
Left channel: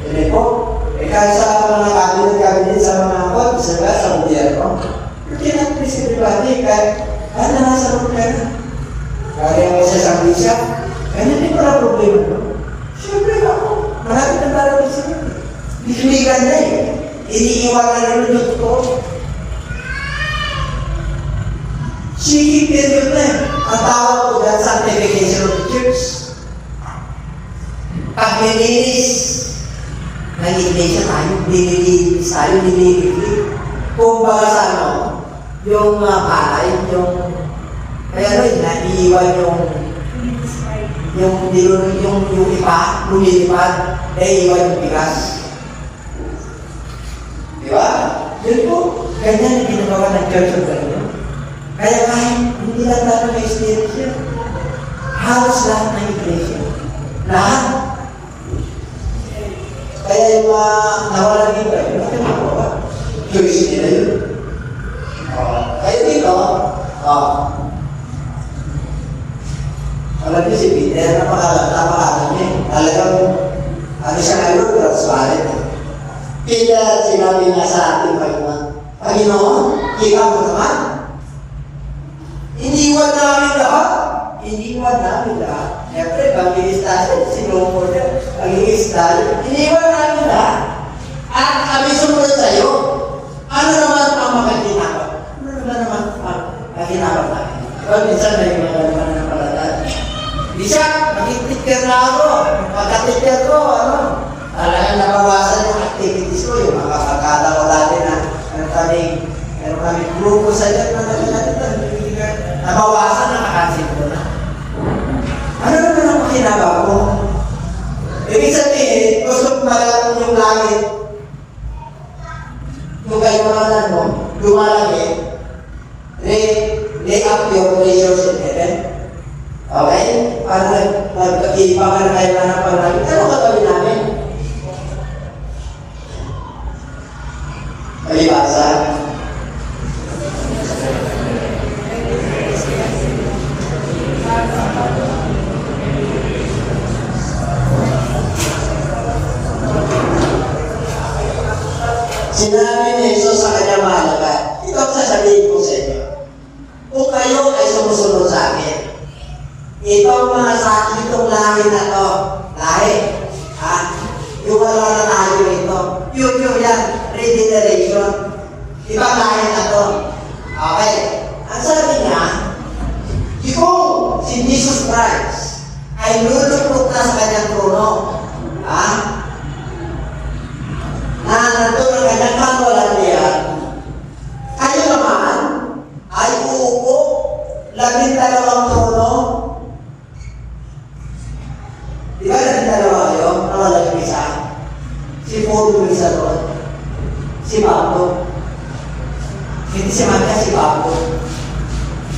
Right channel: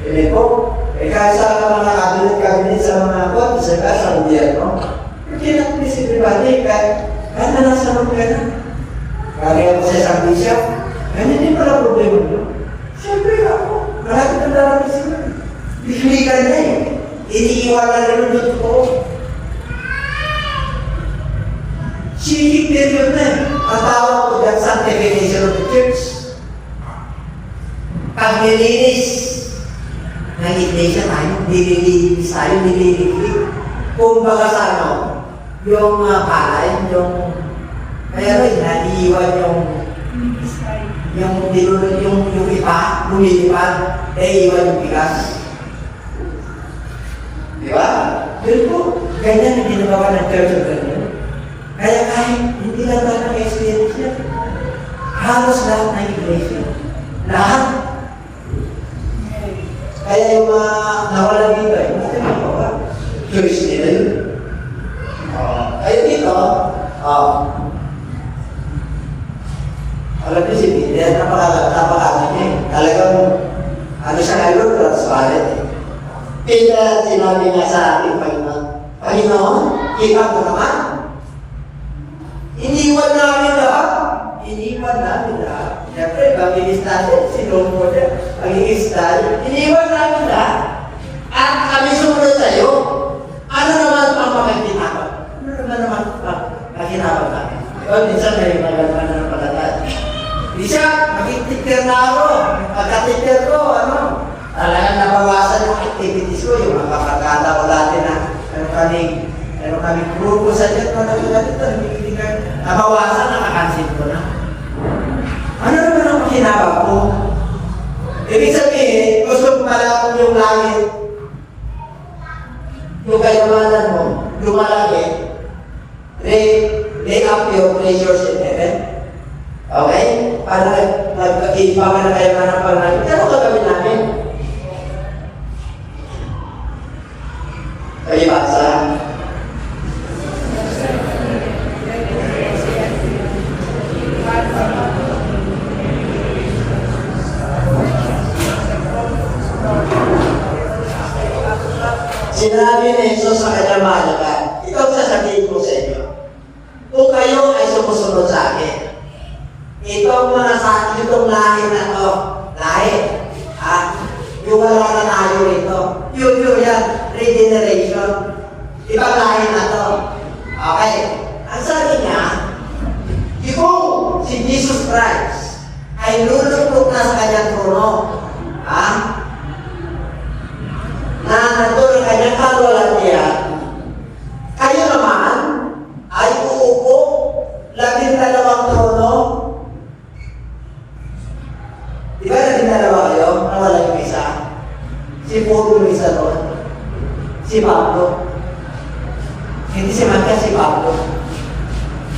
hindi po. Kahit sa mga cabinet sa mga kot, sa gobyerno, hindi natin everybody, kahit na nasa roon ka na. Kaya mo sa isang bishop, ganyan din pala problema no? Siyempre ako, marami ng darapin sila. Bifiligan na eh. Iniiwanan na rin yung totoo. Shiki period na eh. Ang tawag ko dyan, sanctification of the church. Pag nilinis ng iglesia tayo, nililinis tayo, nililinis. Kung baga sa ano, yung palay, yung kaya rin, naiiwan yung ipa, lumilipad, naiiwan yung bigas. Diba? Yun po, ganyan yung ginagawa ng Church of God. Kaya kahit hindi lang tayo may experience yan. Halos lahat ng iglesia. Lahat. Kaya yung mga nawala dito, yung mga tinagawa. Church nila yun. Kaya dito, alam niyo si Peter, napakalaman niya. Talagang, ano siya ngayon, pero sa balit. Peter, sinabi niya sa ating Panginoon, Panginoon, ikaw mo naman. Iniwan namin lahat. Iniwan namin lahat. Siyempre, pag-iis tayo, sinunod na, pag-iis tayo, iniwan namin lahat. At kami sumunod sa iyo. Ano naman ang mga ginagawa? Ano naman ang ginagawa natin? O, minsan may nagagawa ng palatay. Isa, maging-teacher na ako. Pagka-teacher ko, talagang nabawasan yung activities ko, yung mga pagkataon natin na meron kami grupo sa dyan na nabawasan, nakakansin ko na. Ano naman ang pakinawa mo? Ibig sabihin, gusto ko malatong yung langit, yung kaiwanan mo, lumalagi, lay up your treasures in heaven. Okay? Para ipaman kayo na ng pangalaman. Ano ka gawin namin? Kayo basa? kayo ay sumusunod sa akin. Itong mga sa itong lahi na to, lahi, yung wala na tayo ito, yun yan, regeneration. Ibang lahi na to. Okay. Ang sabi niya, yung si Jesus Christ ay lulupot na sa kanyang trono. Na nandun ang kanyang kalwalhatian. Kayo naman ay uupo 12 trono. Di ba 12 kayo? Para lang isa. Si Puro yung isa doon. Si Pablo. Hindi si Magka, si Pablo.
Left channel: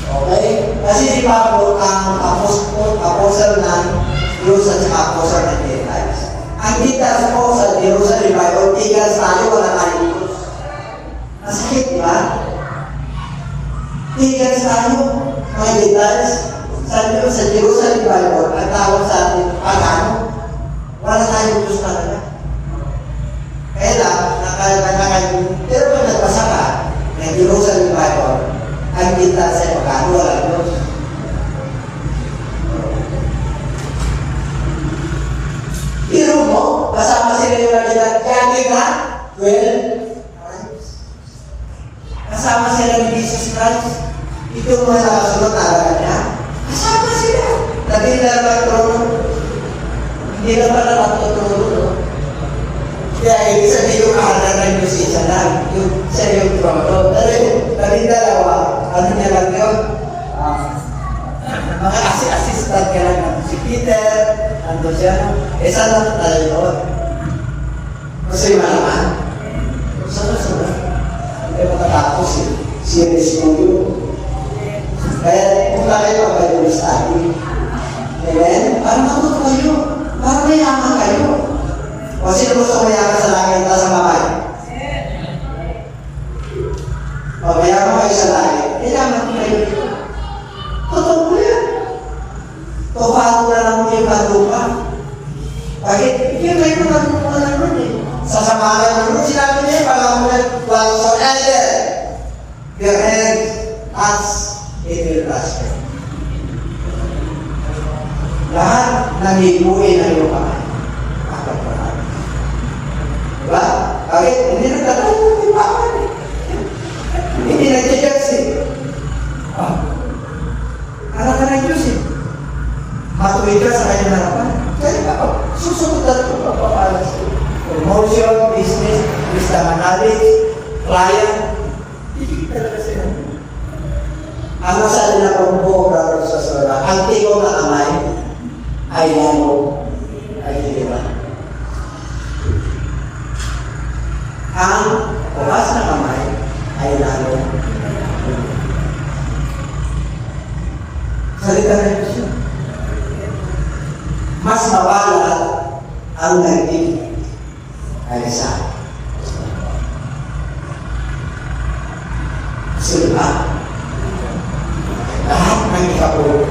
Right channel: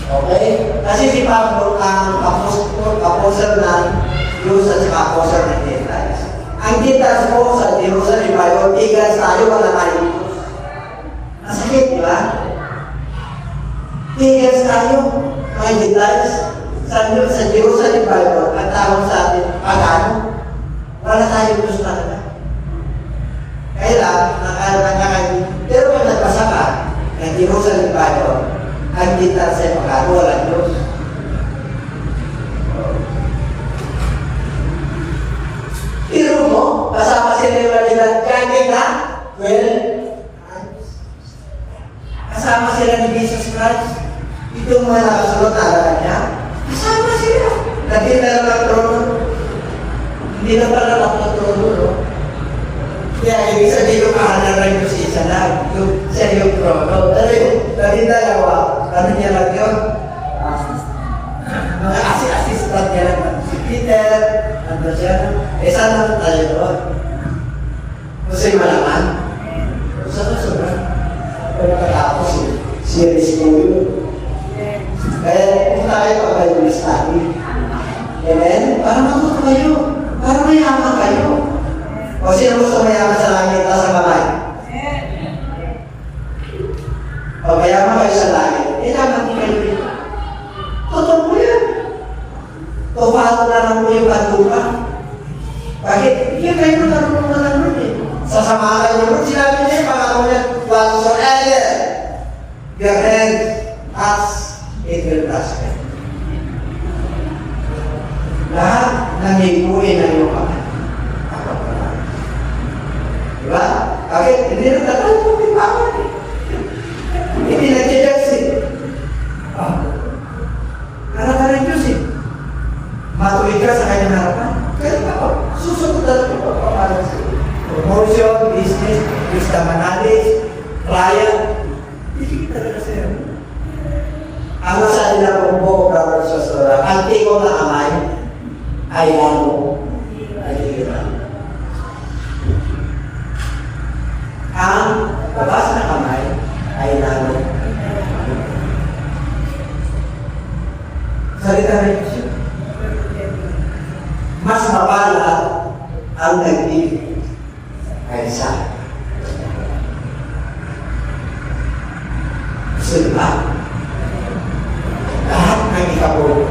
Okay? Kasi si Pablo ang apostle ng Jerusalem at apostle ng Gentiles. Ang Gentiles po sa Jerusalem Bible, tigas tayo, wala tayo dito. Masakit, di ba? Tigas tayo, mga Gentiles. Sa Jerusalem Bible, ang tawag sa atin, pagano, wala tayo dito talaga. Kaya lang, nakakain. Pero kung nagbasa ka, ng Jerusalem Bible, ang Gentiles ay pagano, wala Diyos. Pero mo, kasama sila yung nabilang kaging na 12 tribes. Kasama sila ni Jesus Christ. Ito mga nakasunod talaga niya. Kasama sila. Nagdila lang trono. Hindi na pala lang trono, no? Kaya ibig sabihin yung kahalaran yung isa lang. Yung siya yung trono. Pero yung nagdalawa, ano niya lang yun? Mga assistant niya lang. Si Peter, ando siya. Saan naman tayo doon? Kasi malaman. Saan na saan? Kaya makatapos series mo yun. Kaya kung tayo pagkalim study. Amen? Parang matot kayo. Parang mayaman kayo. O sino gusto mayaman sa langit at sa mamay? O mayaman kayo sa langit. Mayaman kayo dito. Totoo mo yan. Tuhalo na mo yung bandupa. Bakit? Yung kayo na nun eh. Sa samahan ng Lord, sinabi niya, pangalan whatsoever your hand as it will prosper. Lahat ng hibuin ng iyong kamay. Apat pa lang. Diba? Bakit? Hindi na tatalo yung ipaman eh. Hindi nag-judge eh. Anak ka ng Diyos eh. Matuwid ka sa kanyang harapan. Kaya ka, susunod na ito papapalas ko. Promotion, business, wisdom and knowledge, client, hindi talaga sila. Ang nasa nila kung buong brother sa sura, ang tingong na kamay ay lalo ay hiliran. Ang bukas na kamay ay lalo. Salita na Diyos yun. Mas mabalat ang nagdibig ay isa. Kasi lahat ng ikabulo,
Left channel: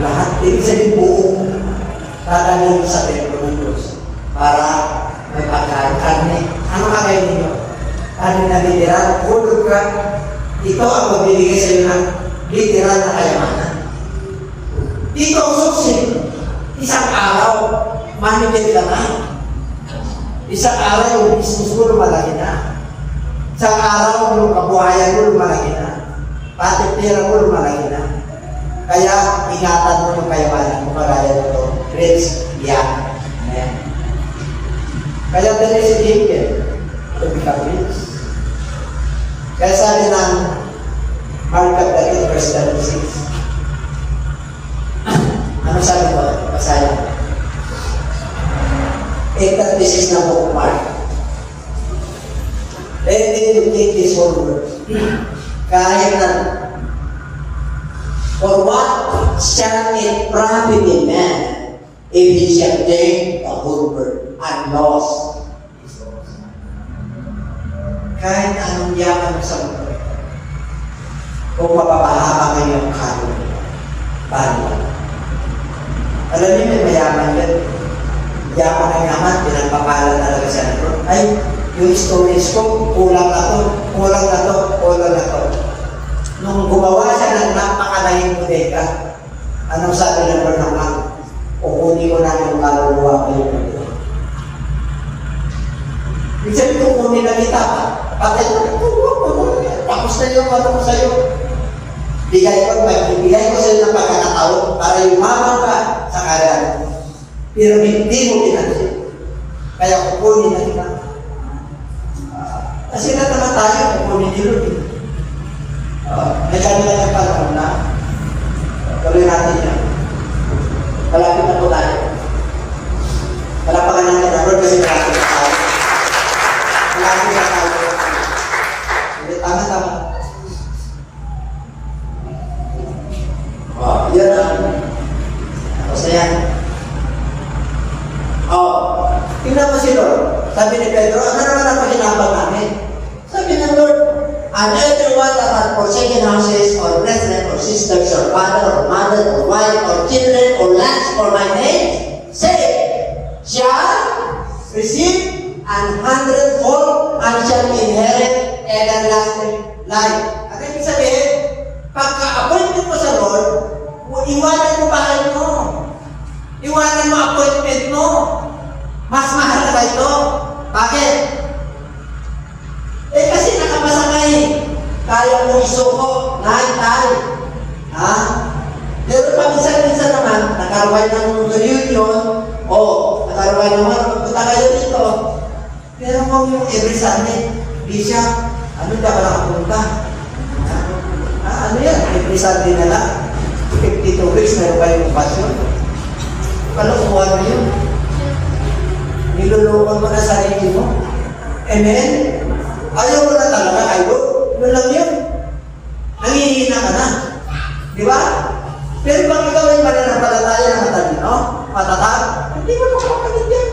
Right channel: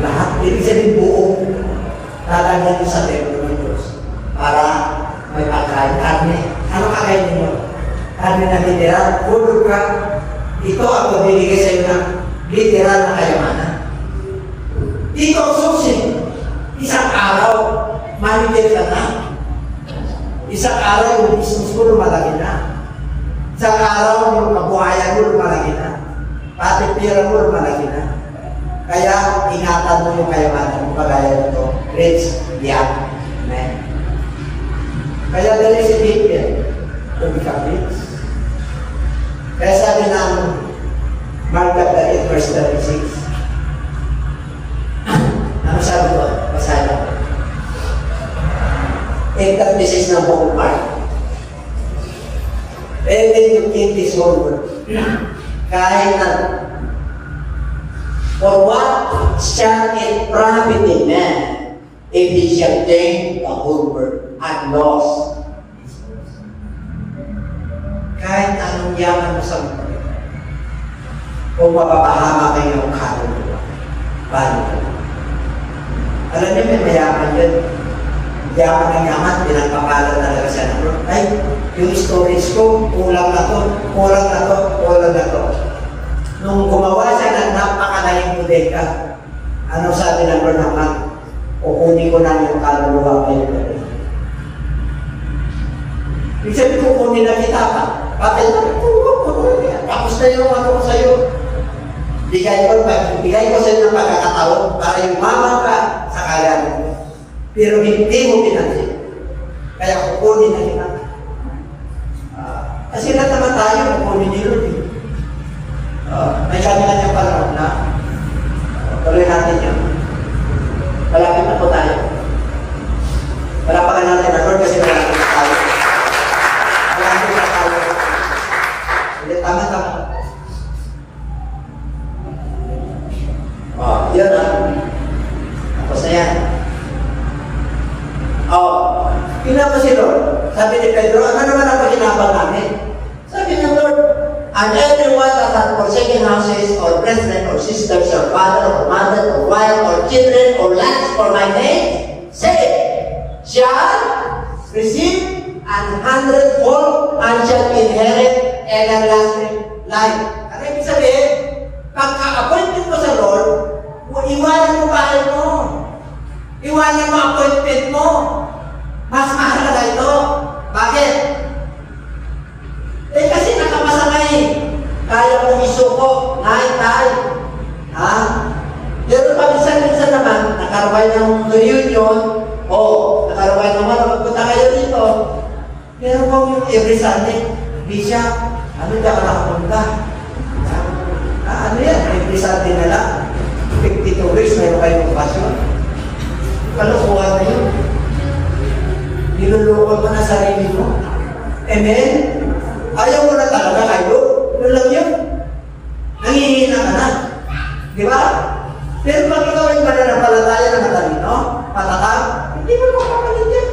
lahat, ibig sabihin buong dadalhin sa templo ng Diyos para may pagkain. Karne. Ano kakain ninyo? Karne na literal, hulog ka. Ito ang magbibigay sa iyo ng literal na kayamanan. Ito ang susi. Isang araw, manipid ka na. Isang araw yung business mo lumalaki na. Isang araw yung kabuhayan mo lumalaki na. Pati pera mo lumalaki na. Kaya ingatan mo yung kayamanan mo kagaya nito. Rich, young. Amen. Kaya dali si David to become rich. Kaya sabi ng Mark 8 verse 36. Ano sabi ko? Basahin ako. 8:36 na buong Mark. And then you keep this whole word. Kahit na, for what shall it profit a man if he shall gain the whole world and loss his soul? Kahit anong yaman mo sa mundo, kung mapapahama kayo ng kaluluwa, paano? Alam niyo, may mayaman yan. Yaman ng yaman, pinagpakalan talaga siya na bro. Ay, yung storage ko, kulang na to, kulang na to, kulang na to. Nung gumawa siya ng tanging bodega. Anong sabi ng Lord naman? Kukunin ko na yung kaluluwa kayo. Ibig sabihin, kukunin na kita pa. Patay ko, tapos na yung ano ko sa'yo. Bigay ko sa'yo ng pagkakataon para yumaman ka sa kalan. Pero hindi mo pinansin. Kaya kukunin na kita. Kasi naman tayo, kukunin ni Lord. May kanya na panahon na tuloy natin yan. Malapit na po tayo. Malapakan natin ang Lord kasi malapit na tayo. Malapit na tayo. Hindi, tama. Yan na. Tapos na yan. Tingnan mo si Lord. Sabi ni Pedro, ano naman ang paginabang namin? Sabi ng Lord, and everyone that hath forsaken houses, or brethren, or sisters, or father, or mother, or wife, or children, or lands for my name, say, shall receive an hundredfold and shall inherit everlasting life. Ano ibig sabihin? Pagka-appointment mo sa Lord, iwanan mo bahay mo. Iwanan mo appointment mo. Mas mahalaga ito. Bakit? Kasi nakapasa ka eh. Kaya mo isuko, tay. Ha? Pero paminsan-minsan naman, nakaruhay ng reunion, nakaruhay naman, magpunta kayo dito. Pero mo yung every Sunday, Bisha, ano ka nakapunta? Ano yan? Every Sunday na lang. 52 weeks na yung kayong pasyon. Kalukuhan na yun. Nilulukon mo na sarili mo. Amen? Ayaw mo na talaga kayo. Yun lang yun. Nangihina ka na. Di ba? Pero pag ikaw yung mananampalataya ng talino, matatag, hindi mo makapalit yan.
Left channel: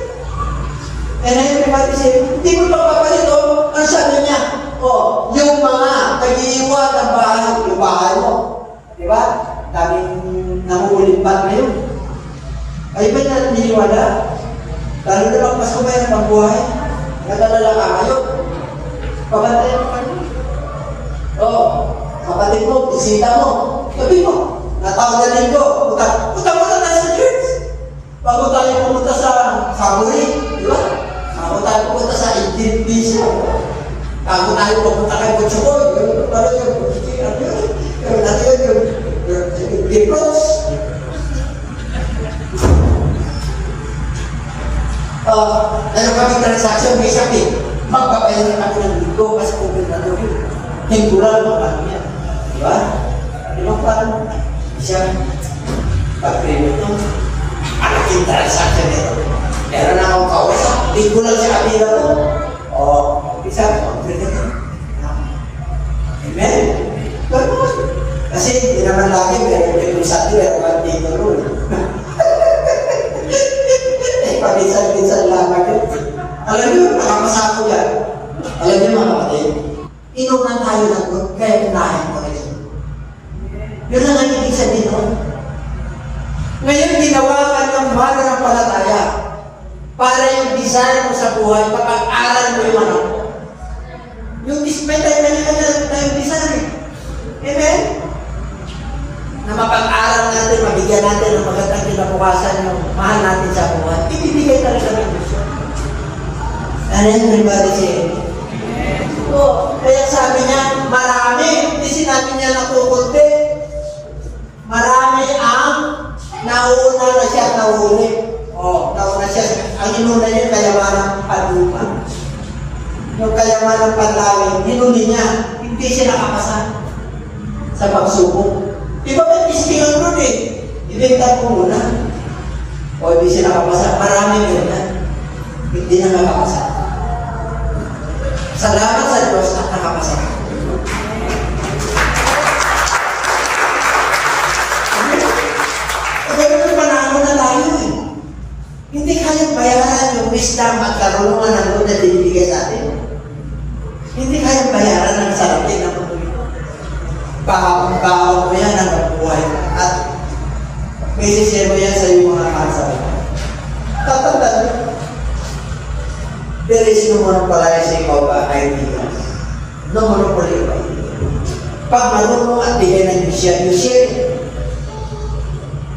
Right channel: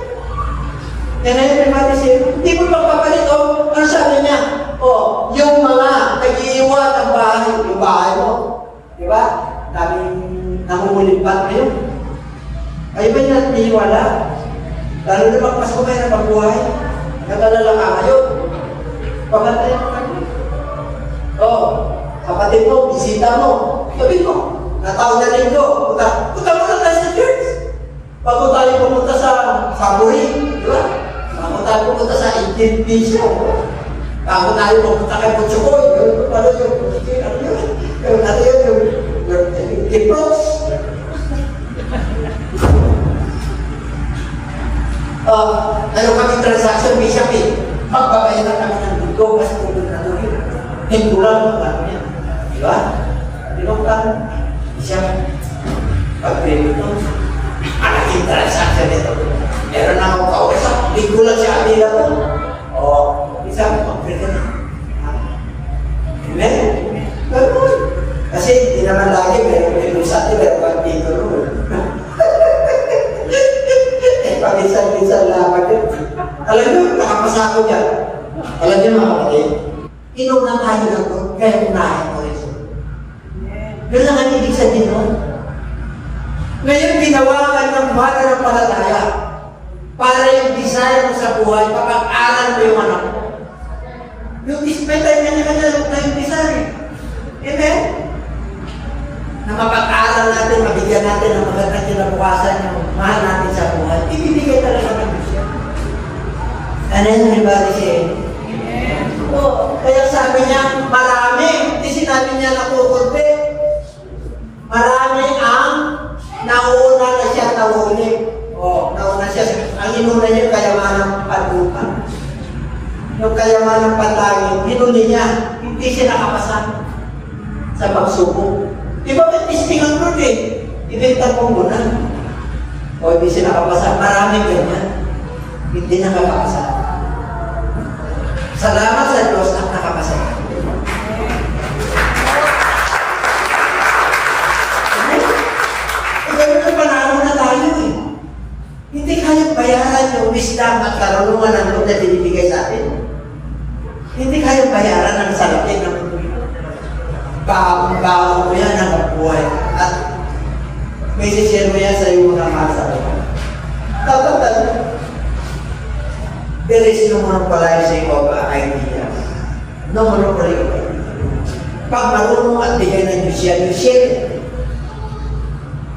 And everybody say, hindi mo makapalit o. Ano sabi niya? Yung mga nag-iiwan ng bahay, yung bahay mo. Di ba? Daming nangungulimbat ngayon. Kayo ba niya niliwala? Lalo na magpasko kayo ng pagbuhay. Naglalala ka kayo. Pabantayan mo kayo. Kapatid mo, bisita mo. Sabi mo, natawag na linggo. Punta mo na tayo sa church. Bago tayo pumunta sa Family, di ba? Bago tayo pumunta sa Indian Bisyo. Bago tayo pumunta kay Butsukoy. Ano yun? Yung natin yung Gipros. Tayo kami transaction, may sabi, magpapayaran kami ng linggo kasi pupunta doon. Linggo lang mo kami yan. Di ba? Di ba paano? Siya, pag-payment ito, malaking transaction ito. Meron na akong kausap, linggo lang siya kami lang. Bisa, pag-payment ito. Amen? Ganun. Kasi hindi naman lagi, pero kung sa ito, pero pag-dito roon. Paminsan-minsan lang yun. Alam nyo, nakapasako niya. Alam nyo mga kapatid, inunan tayo ng God, kaya unahin ko rin. Yun ang nangibig sabihin nun. Ngayon, ginawa ka niyang mananampalataya para yung desire mo sa buhay, papag-aral mo yung anak mo. Yung dismetay na yung desire. Amen? Na mapag-aral natin, mabigyan natin ng magandang kinabukasan yung mahal natin sa buhay, ibibigay talaga ng Diyos yan. Ano yung everybody say? Kaya sabi niya, marami, hindi sinabi niya natukunti. Marami ang nauna na siya nahuli. Nauna siya. Ang inuna niya, kayamanang panuka. Yung kayamanang panlangin, hinuli niya, hindi siya nakapasa sa pagsubok. Diba ba't istingan nun eh? Ibenta mo muna. Hindi siya nakapasa. Maraming ganyan. Hindi na nakapasa. Salamat sa Diyos at nakapasa. Ganun panahon na tayo eh. Hindi kaya bayaran yung wisdom at karunungan ng Lord na binibigay sa atin. Hindi kaya bayaran ng sarapin ng mundo. Baon mo yan ang buhay. At may sisir mo yan sa iyo mga kasabay. Tatandaan mo. There is no monopolizing of ideas. No monopoly of ideas. Pag marunong at bigay ng Diyos yan, Diyos yan.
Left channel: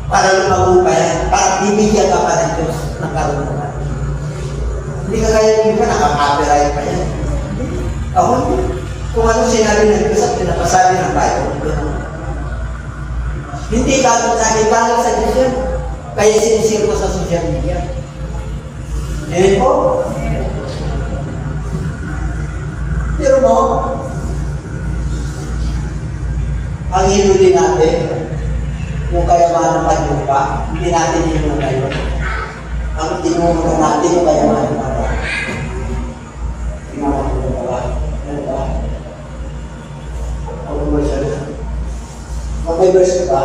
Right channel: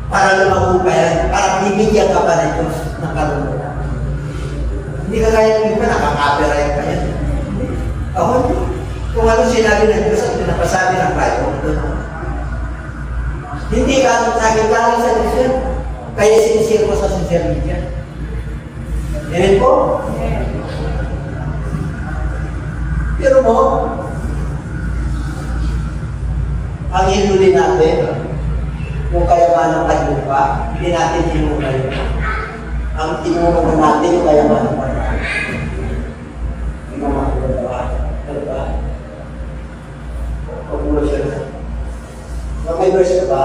Para lumago pa yan, para bibigyan ka pa ng Diyos ng karunungan. Hindi ka kaya yung iba, nakaka-copyright pa yan. Ako, kung ano sinabi ng Diyos at pinapasabi ng Bible, ito naman. Hindi ka nakikilala sa Diyos yan. Kaya sinisir ko sa social media. Amen po? Pero mo, ang hinuli natin, yung kayaman ng paglupa, hindi natin hinuli. Ang tinulungan natin yung kayaman ng paglupa. Hindi mo makuha. Ano ba? Makuha siya na. Mag-verse ka ba?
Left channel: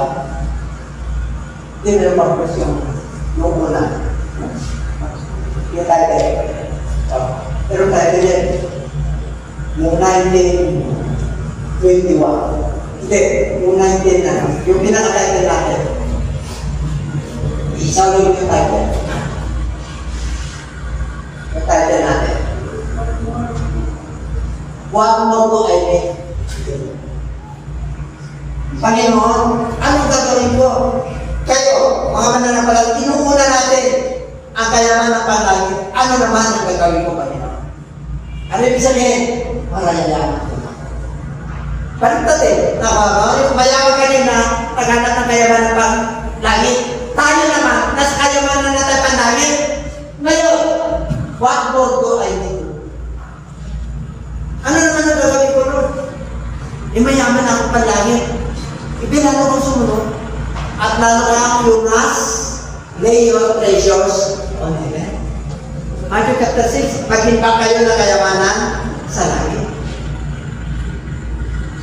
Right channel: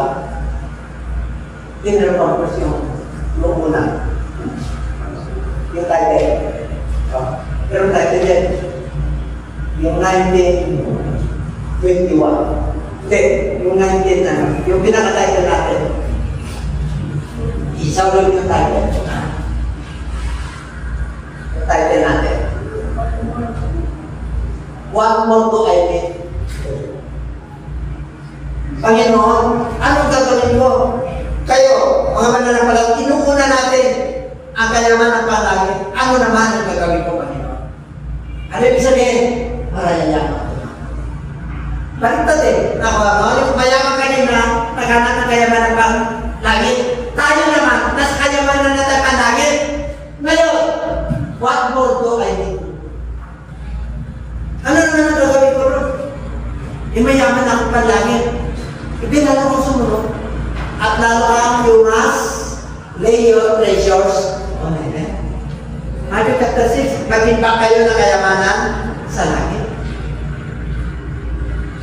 Hindi na yung purpose yung una. Yung title. Pero title yan. Yung 1921. Hindi, yung 19 ano. Yung pinaka-title natin. Isaw lang yung title. Yung title natin. What more do I need? Panginoon, ano gagawin ko? Kayo, mga mananampalataya, tinukuna natin ang kayaman ng palagi. Ano naman ang gagawin ko, Panginoon? Ano ibig sabihin? Malayayaman ko. Baliktad eh. Mayaman kanina, paghanap ng kayaman ng palagi. Tayo naman, nasa kayaman na natin palagi. Ngayon, what more do I need? Ano naman ang gagawin ko ron? Mayaman ako palagi. Ibinalo kong sumunod. At lalo kang you must lay your treasures on heaven. Matthew chapter 6, mag-impact kayo ng kayamanan sa langit.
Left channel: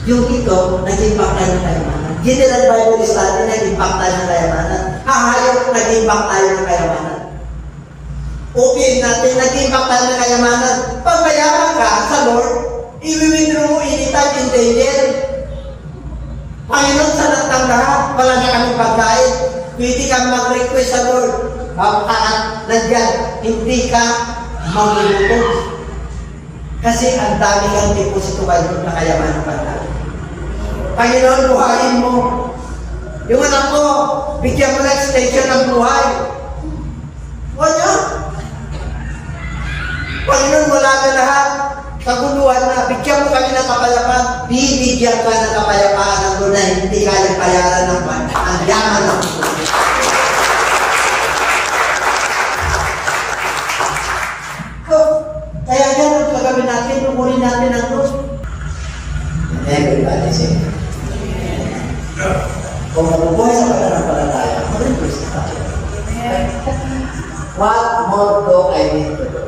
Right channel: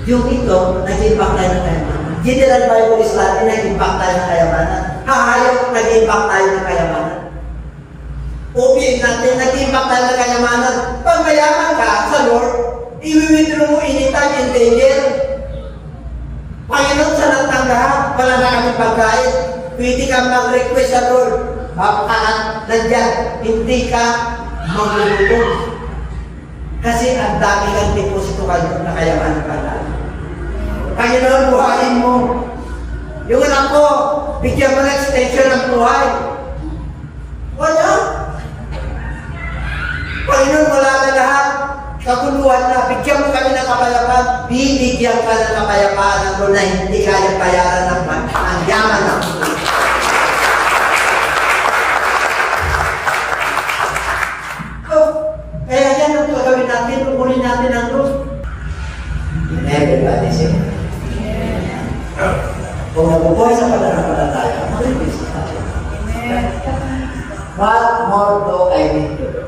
Yung ito, nag-impact tayo ng kayamanan. General Bible Study, nag-impact tayo ng kayamanan. Hahayop, nag-impact tayo ng kayamanan. OPM natin, nag-impact tayo ng kayamanan. Pag mayaman ka sa Lord, i-withdraw mo anytime in danger. Panginoon, sa natang lahat, wala na kaming pagkain. Pwede kang mag-request sa Lord. Baka nandyan, hindi ka magluluto. Kasi ang dami kang deposito kayo na kayaman ng pagkain. Panginoon, buhayin mo. Yung anak ko, bigyan mo na extension ng buhay. Wala. Panginoon, wala na lahat. Kaguluhan na, bigyan mo kami ng kapayapaan, bibigyan ka ng kapayapaan ng tunay, hindi kaya bayaran ng ang yaman ng tunay. Kaya yan ang gagawin natin, uuli natin ang Lord. Everybody say, kung nabubuhay sa pananampalataya, mag-request na tayo. What more do I need to do?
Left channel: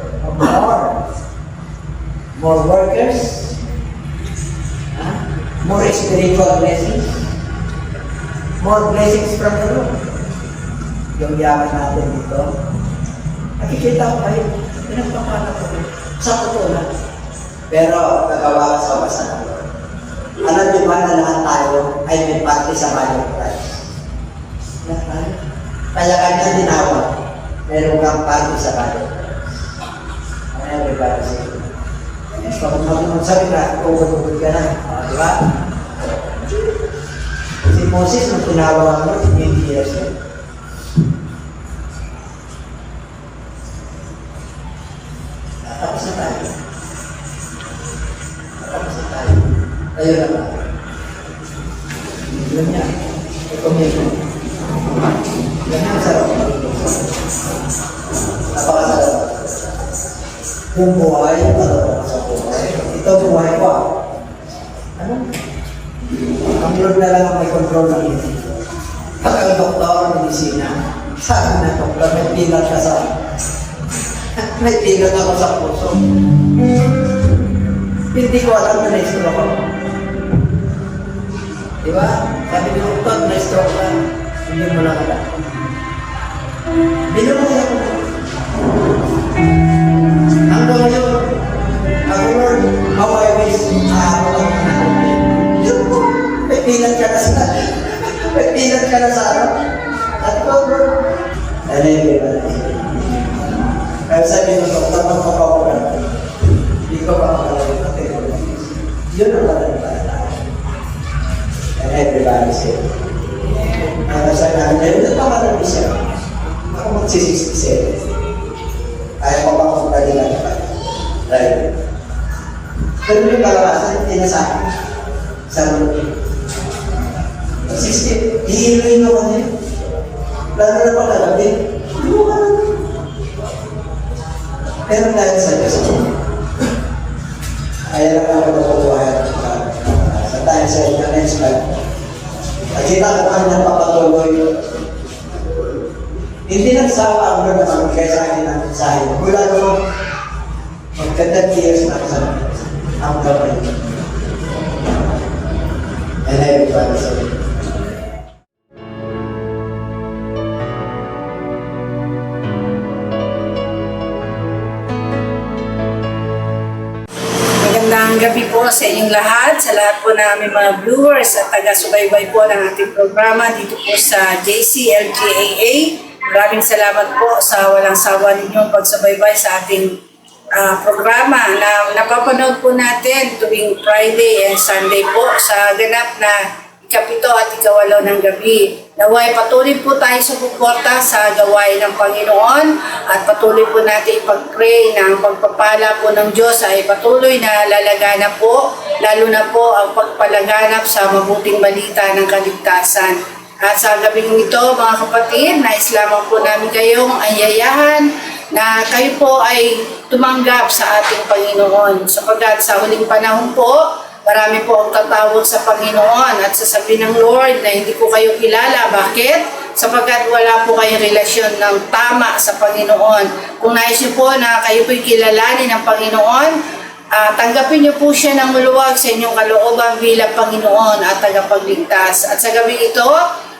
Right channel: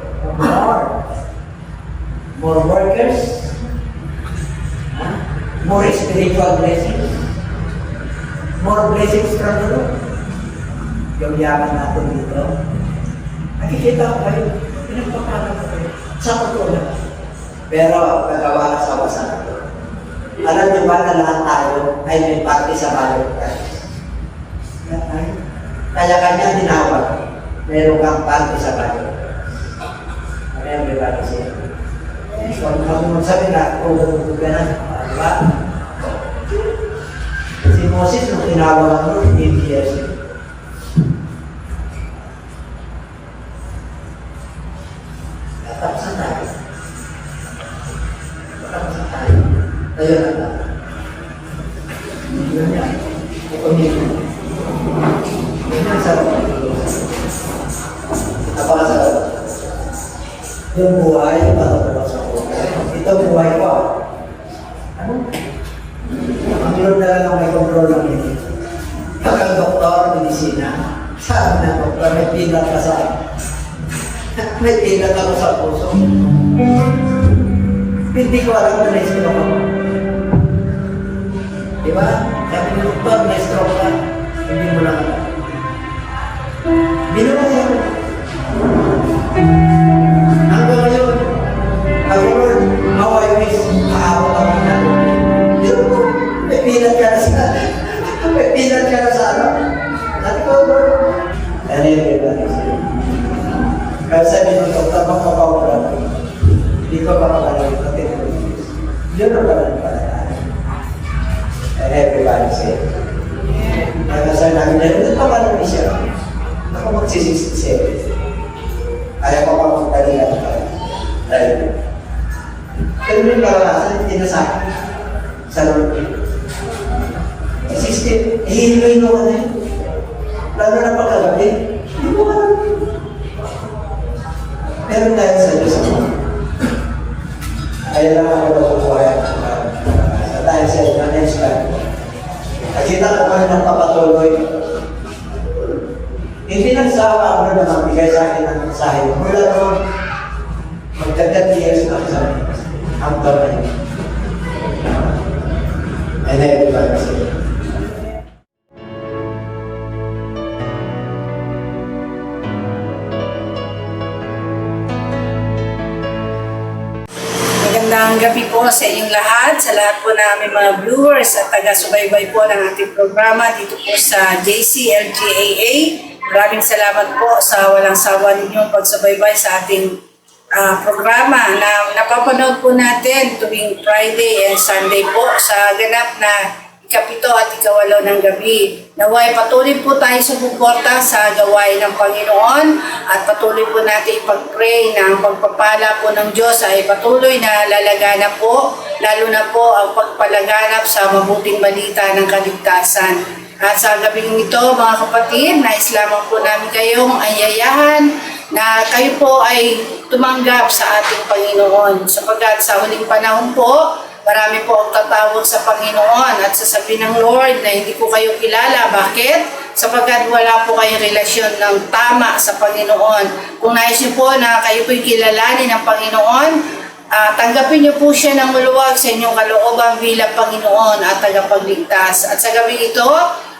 More workers, more spiritual blessings, more blessings from the Lord. Yung yaman natin dito, nakikita ko kayo, pinagpapala ko kayo, sa totoo lang. Pero kagawa ka sa basa ng Lord. Alam niyo ba na lahat tayo ay may parte sa body of Christ? Kaya kanya tinawag, mayroon kang parte sa body of Christ. Everybody say, so, kung magsabi na, kung gagawin ka na, di ba? Si Moses, nung tinawag ang Lord, hindi years yun. Tatapusan tayo. Tatapusan tayo. Tayo lang tayo. Yun yan. Ito-mute. Yun yan, sarap. Napakasarap. Yung buhay, para sa buhay. Ito buhay ko ah. Ano? Ang Lord na lang ang may control ng hindi. Pag ang doktor, medisina, sabi na doktor, may pinat ka sa may pinat ako sa puso. Hindi ko alam na na-stroke ako. Diba? Sabi ni doktor, na-stroke ka. Hindi mo lang alam. Binulong ako. Hanggang ngayon, ako Lord, how I wish maabot ako ng natin. Yun po, may pinat ka na sa may pinat ka na sa ano. At ito, Lord, kaya sabi ng doktor, magpapawala. Hindi ko makakalayo na tinulog. Yun ang wala na pala tayo. kasi. Kaya sa namin niya, ito ka namin siya. Ako mag-67. Ayaw ko makapagdali na pa. Pero may karanasan, hindi na sa akin. Sa loob. 60, hihiluin mo ka na yun. Lalo na pagkagabi. Pero dahil sa Diyos mo, ayaw na ako mabuhay. Sa dahil sa next time. At hindi na ako nagpapatuloy. Hindi nagsawa ako na mamigay sa akin ng mensahe. Mula doon, magka-10 years na sa ang gawin. And everybody said, Magandang gabi po sa inyong lahat, sa lahat po namin mga viewers at taga-subaybay po ng ating programa dito po sa JCLGAA. Maraming salamat po sa walang sawa ninyong pagsubaybay sa ating programa na napapanood po natin tuwing Friday and Sunday po sa ganap na ikapito at ikawalo ng gabi. Naway patuloy po tayo sa suporta sa gawain ng Panginoon at patuloy po natin ipag-pray na ang pagpapala po ng Diyos ay patuloy na lalaganap po, lalo na po ang pagpalaganap sa mabuting balita ng kaligtasan. At sa gabing ito mga kapatid, nais lamang po namin kayong ayayahan na kayo po ay tumanggap sa ating Panginoon sapagkat sa huling panahon po, marami po ang tatawag sa Panginoon at sasabihin ng Lord na hindi ko kayo kilala. Bakit? Sapagkat wala po kayong relasyon ng tama sa Panginoon. Kung nais niyo po na kayo po'y kilalanin ng Panginoon, tanggapin niyo po siya ng maluwag sa inyong kalooban bilang Panginoon at tagapagligtas. At sa gabi ito,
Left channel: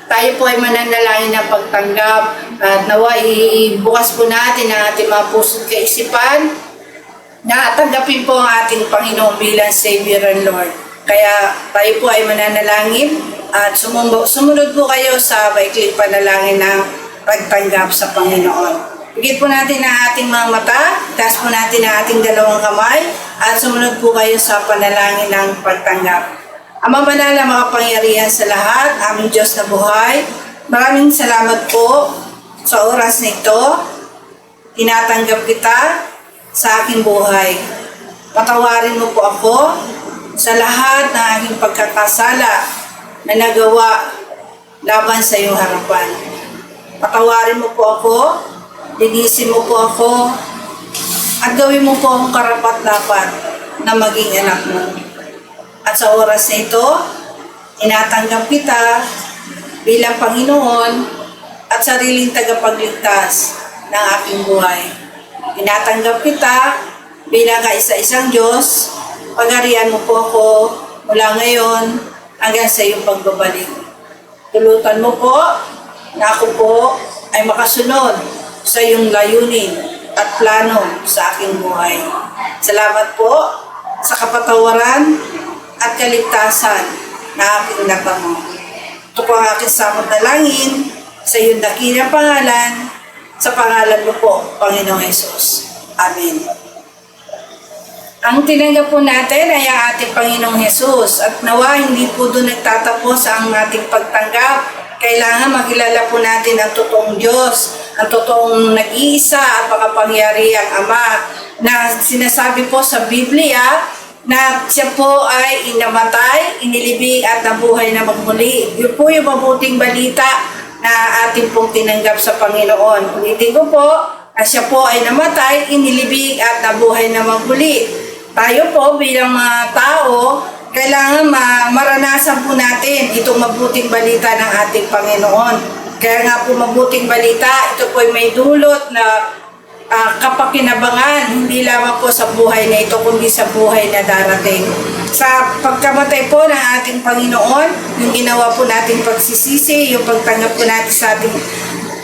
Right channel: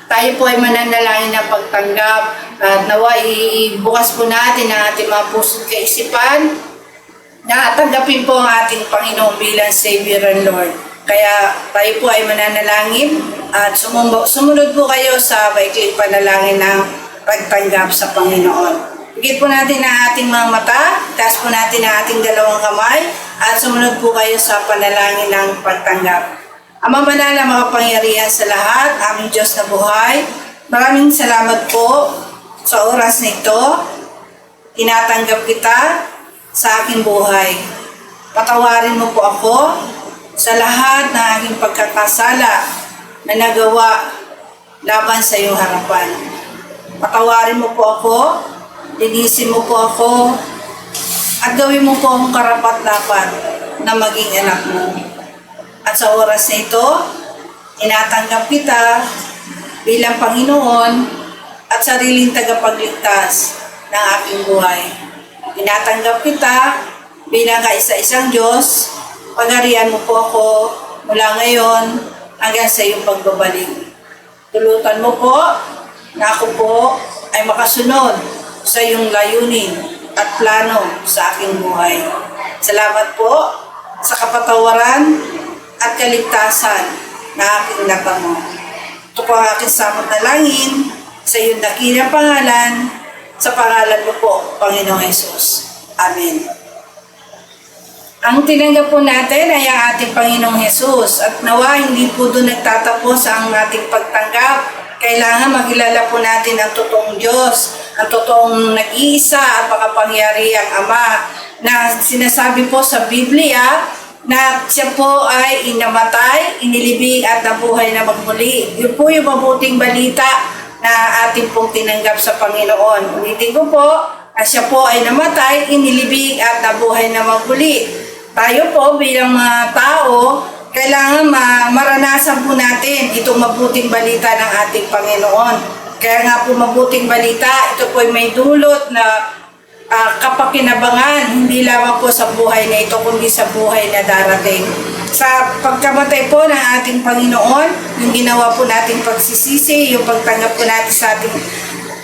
tayo po ay mananalangin ng pagtanggap at nawa ibukas po natin ang ating mga puso't kaisipan na tanggapin po ang ating Panginoon bilang Savior and Lord. Kaya tayo po ay mananalangin at sumunod po kayo sa maikling panalangin ng pagtanggap sa Panginoon. Bigyan po natin ang ating mga mata, taas po natin ang ating dalawang kamay at sumunod po kayo sa panalangin ng pagtanggap. Ama banal na makapangyarihan sa lahat, aming Diyos na buhay, maraming salamat po sa oras na ito. Tinatanggap kita sa aking buhay. Patawarin mo po ako sa lahat ng aking pagkakasala na nagawa laban sa iyong harapan. Patawarin mo po ako, linisin mo po ako, at gawin mo po akong karapat-dapat na maging anak mo. At sa oras na ito, inatanggap kita bilang Panginoon at sariling tagapagligtas ng aking buhay. Inatanggap kita bilang kaisa-isang Diyos. Pagarian mo po ako mula ngayon hanggang sa iyong pagbabalik. Tulutan mo po na ako po ay makasunod sa iyong layunin at plano sa aking buhay. Salamat po sa kapatawaran at kaligtasan na aking natamo. Ito po ang aking samot na langin sa iyong dakilang pangalan, sa pangalan mo po, Panginoong Hesus. Amen. Ang tinanggap po natin ay ang ating Panginoong Hesus at nawa hindi po doon nagtatapos ang ating pagtanggap. Kailangan makilala po natin ang totoong Diyos, ang totoong nag-iisa at makapangyarihang Ama na sinasabi po sa Biblia na siya po ay inamatay, inilibing at nabuhay na magmuli. Yun po yung mabuting balita na ating pong tinanggap sa Panginoon. Ulitin ko po, na siya po ay namatay, inilibing at nabuhay na magmuli. Tayo po bilang mga tao, kailangan maranasan po natin itong mabuting balita ng ating Panginoon. Kaya nga po mabuting balita, ito po ay may dulot na kapakinabangan, hindi lamang po sa buhay na ito, kundi sa buhay na darating. Sa pagkamatay po ng ating Panginoon, yung ginawa po nating pagsisisi, yung pagtanggap po natin sa ating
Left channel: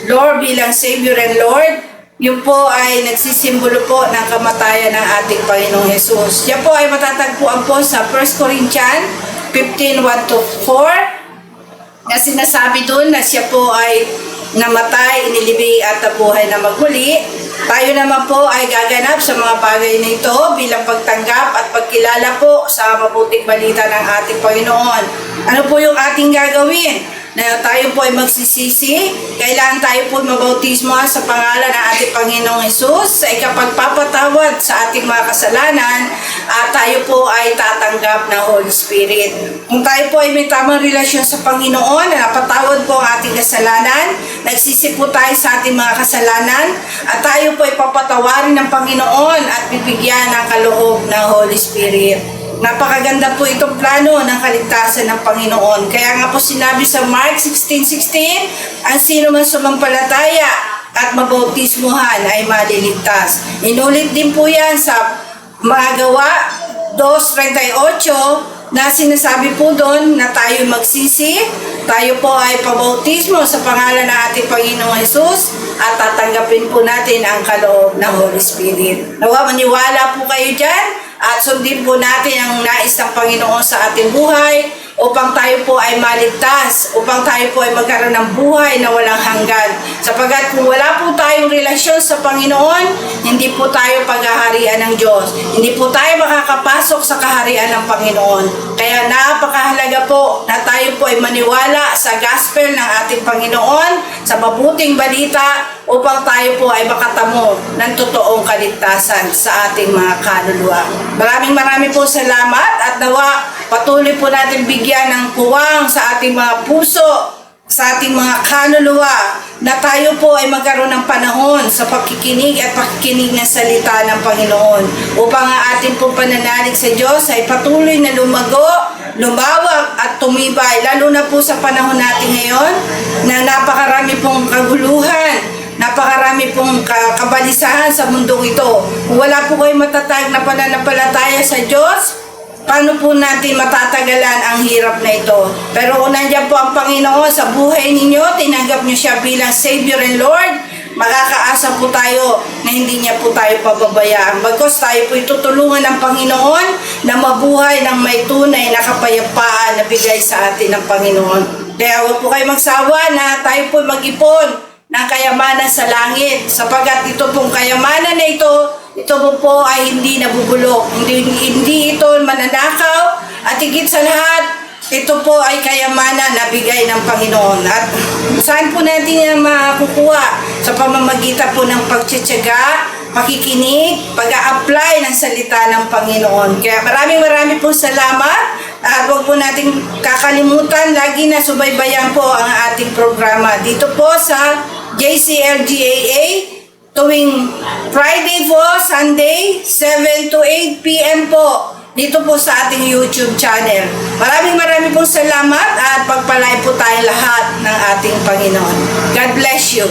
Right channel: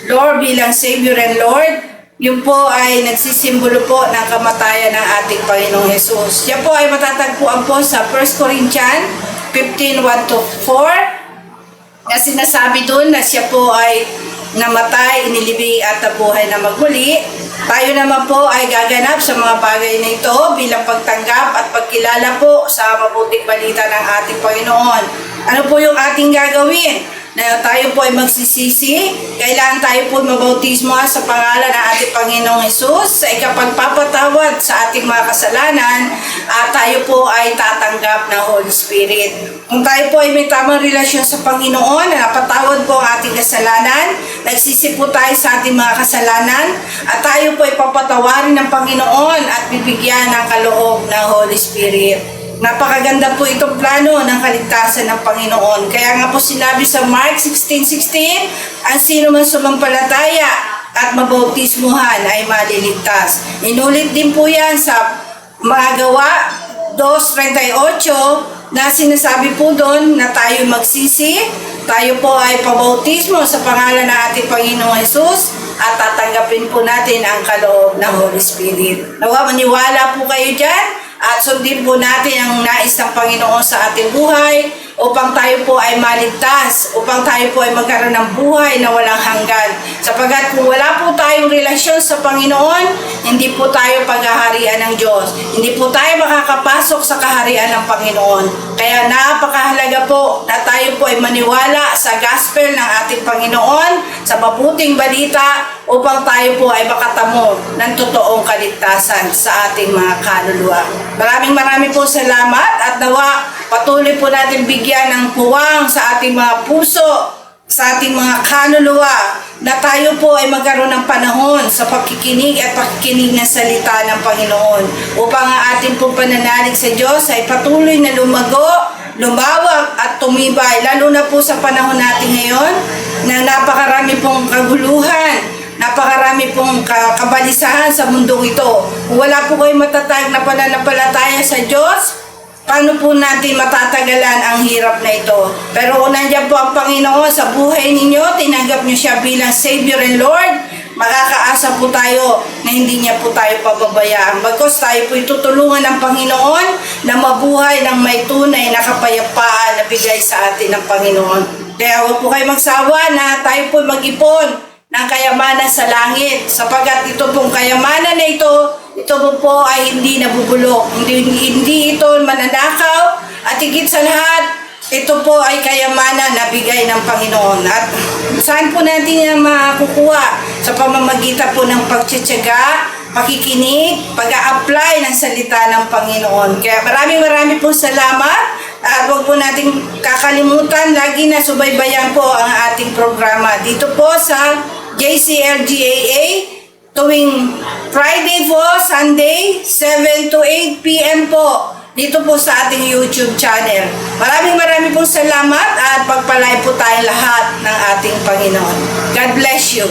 Lord bilang Savior and Lord, yun po ay nagsisimbolo po ng kamatayan ng ating Panginoong Hesus. Yan po ay matatagpuan po sa 1 Corinthians 15:1-4 na sinasabi doon na siya po ay namatay, inilibing at nabuhay na magmuli Tayo naman po ay gaganap sa mga bagay na ito bilang pagtanggap at pagkilala po sa mabuting balita ng ating Panginoon. Ano po yung ating gagawin? Na tayo po ay magsisisi, kailangan tayo po mabautismo sa pangalan ng ating Panginoong Hesus sa ikapagpapatawad sa ating mga kasalanan at tayo po ay tatanggap ng Holy Spirit. Kung tayo po ay may tamang relasyon sa Panginoon na napatawad po ang ating kasalanan, nagsisi po tayo sa ating mga kasalanan at tayo po ay papatawarin ng Panginoon at bibigyan ng kaloob ng Holy Spirit. Napakaganda po itong plano ng kaligtasan ng Panginoon. Kaya nga po sinabi sa Mark 16:16, ang sino man sumampalataya at mabautismuhan ay maliligtas. Inulit din po yan sa mga Gawa 2:38 na sinasabi po doon na tayo magsisi, tayo po ay pabautismo sa pangalan ng ating Panginoong Hesus at tatanggapin po natin ang kaloob ng Holy Spirit. Nawa maniwala po kayo dyan at sundin po natin ang nais ng Panginoon sa ating buhay upang tayo po ay maligtas, upang tayo po ay magkaroon ng buhay na walang hanggan. Sapagkat kung wala po tayong relasyon sa Panginoon, hindi po tayo paghaharian ng Diyos. Hindi po tayo makakapasok sa kaharian ng Panginoon. Kaya napakahalaga po na tayo po ay maniwala sa gospel ng ating Panginoon, sa mabuting balita, upang tayo po ay makatamo ng totoong kaligtasan sa ating mga kaluluwa. Maraming po salamat at nawa patuloy po natin bigyan ng puwang sa ating mga puso, sa ating mga kaluluwa, na tayo po ay magkaroon ng panahon sa pakikinig at pakikinig ng salita ng Panginoon upang ang ating pong pananalig sa Diyos ay patuloy na lumago, lumawak at tumibay, lalo na po sa panahon natin ngayon na napakarami pong kaguluhan, napakarami pong kabalisahan sa mundong ito. Kung wala po kayo matatag na pananampalataya sa Diyos, paano po natin matatagalan ang hirap na ito? Pero kung nandiyan po ang Panginoon sa buhay ninyo, tinanggap nyo siya bilang Savior and Lord, makakaasa po tayo na hindi niya po tayo pababayaan. Bagkus tayo po itutulungan ng Panginoon na mabuhay ng may tunay na kapayapaan na bigay sa atin ng Panginoon. Kaya huwag po kayo magsawa na tayo po mag-ipon ng kayamanan sa langit, sapagkat ito pong kayamanan na ito po ay hindi nabubulok, hindi ito mananakaw, at higit sa lahat, ito po ay kayamanan na bigay ng Panginoon. At saan po natin yan makukuha? Sa pamamagitan po ng pagtsatsaga, pakikinig, pag-a-apply ng salita ng Panginoon. Kaya maraming po salamat. At huwag po natin kakalimutan, lagi na subaybayan po ang ating programa dito po sa JCLGAA tuwing Friday po, Sunday, 7 to 8 p.m. po dito po sa ating YouTube channel. Maraming pong salamat at pagpalay po tayo lahat ng ating Panginoon. God bless you.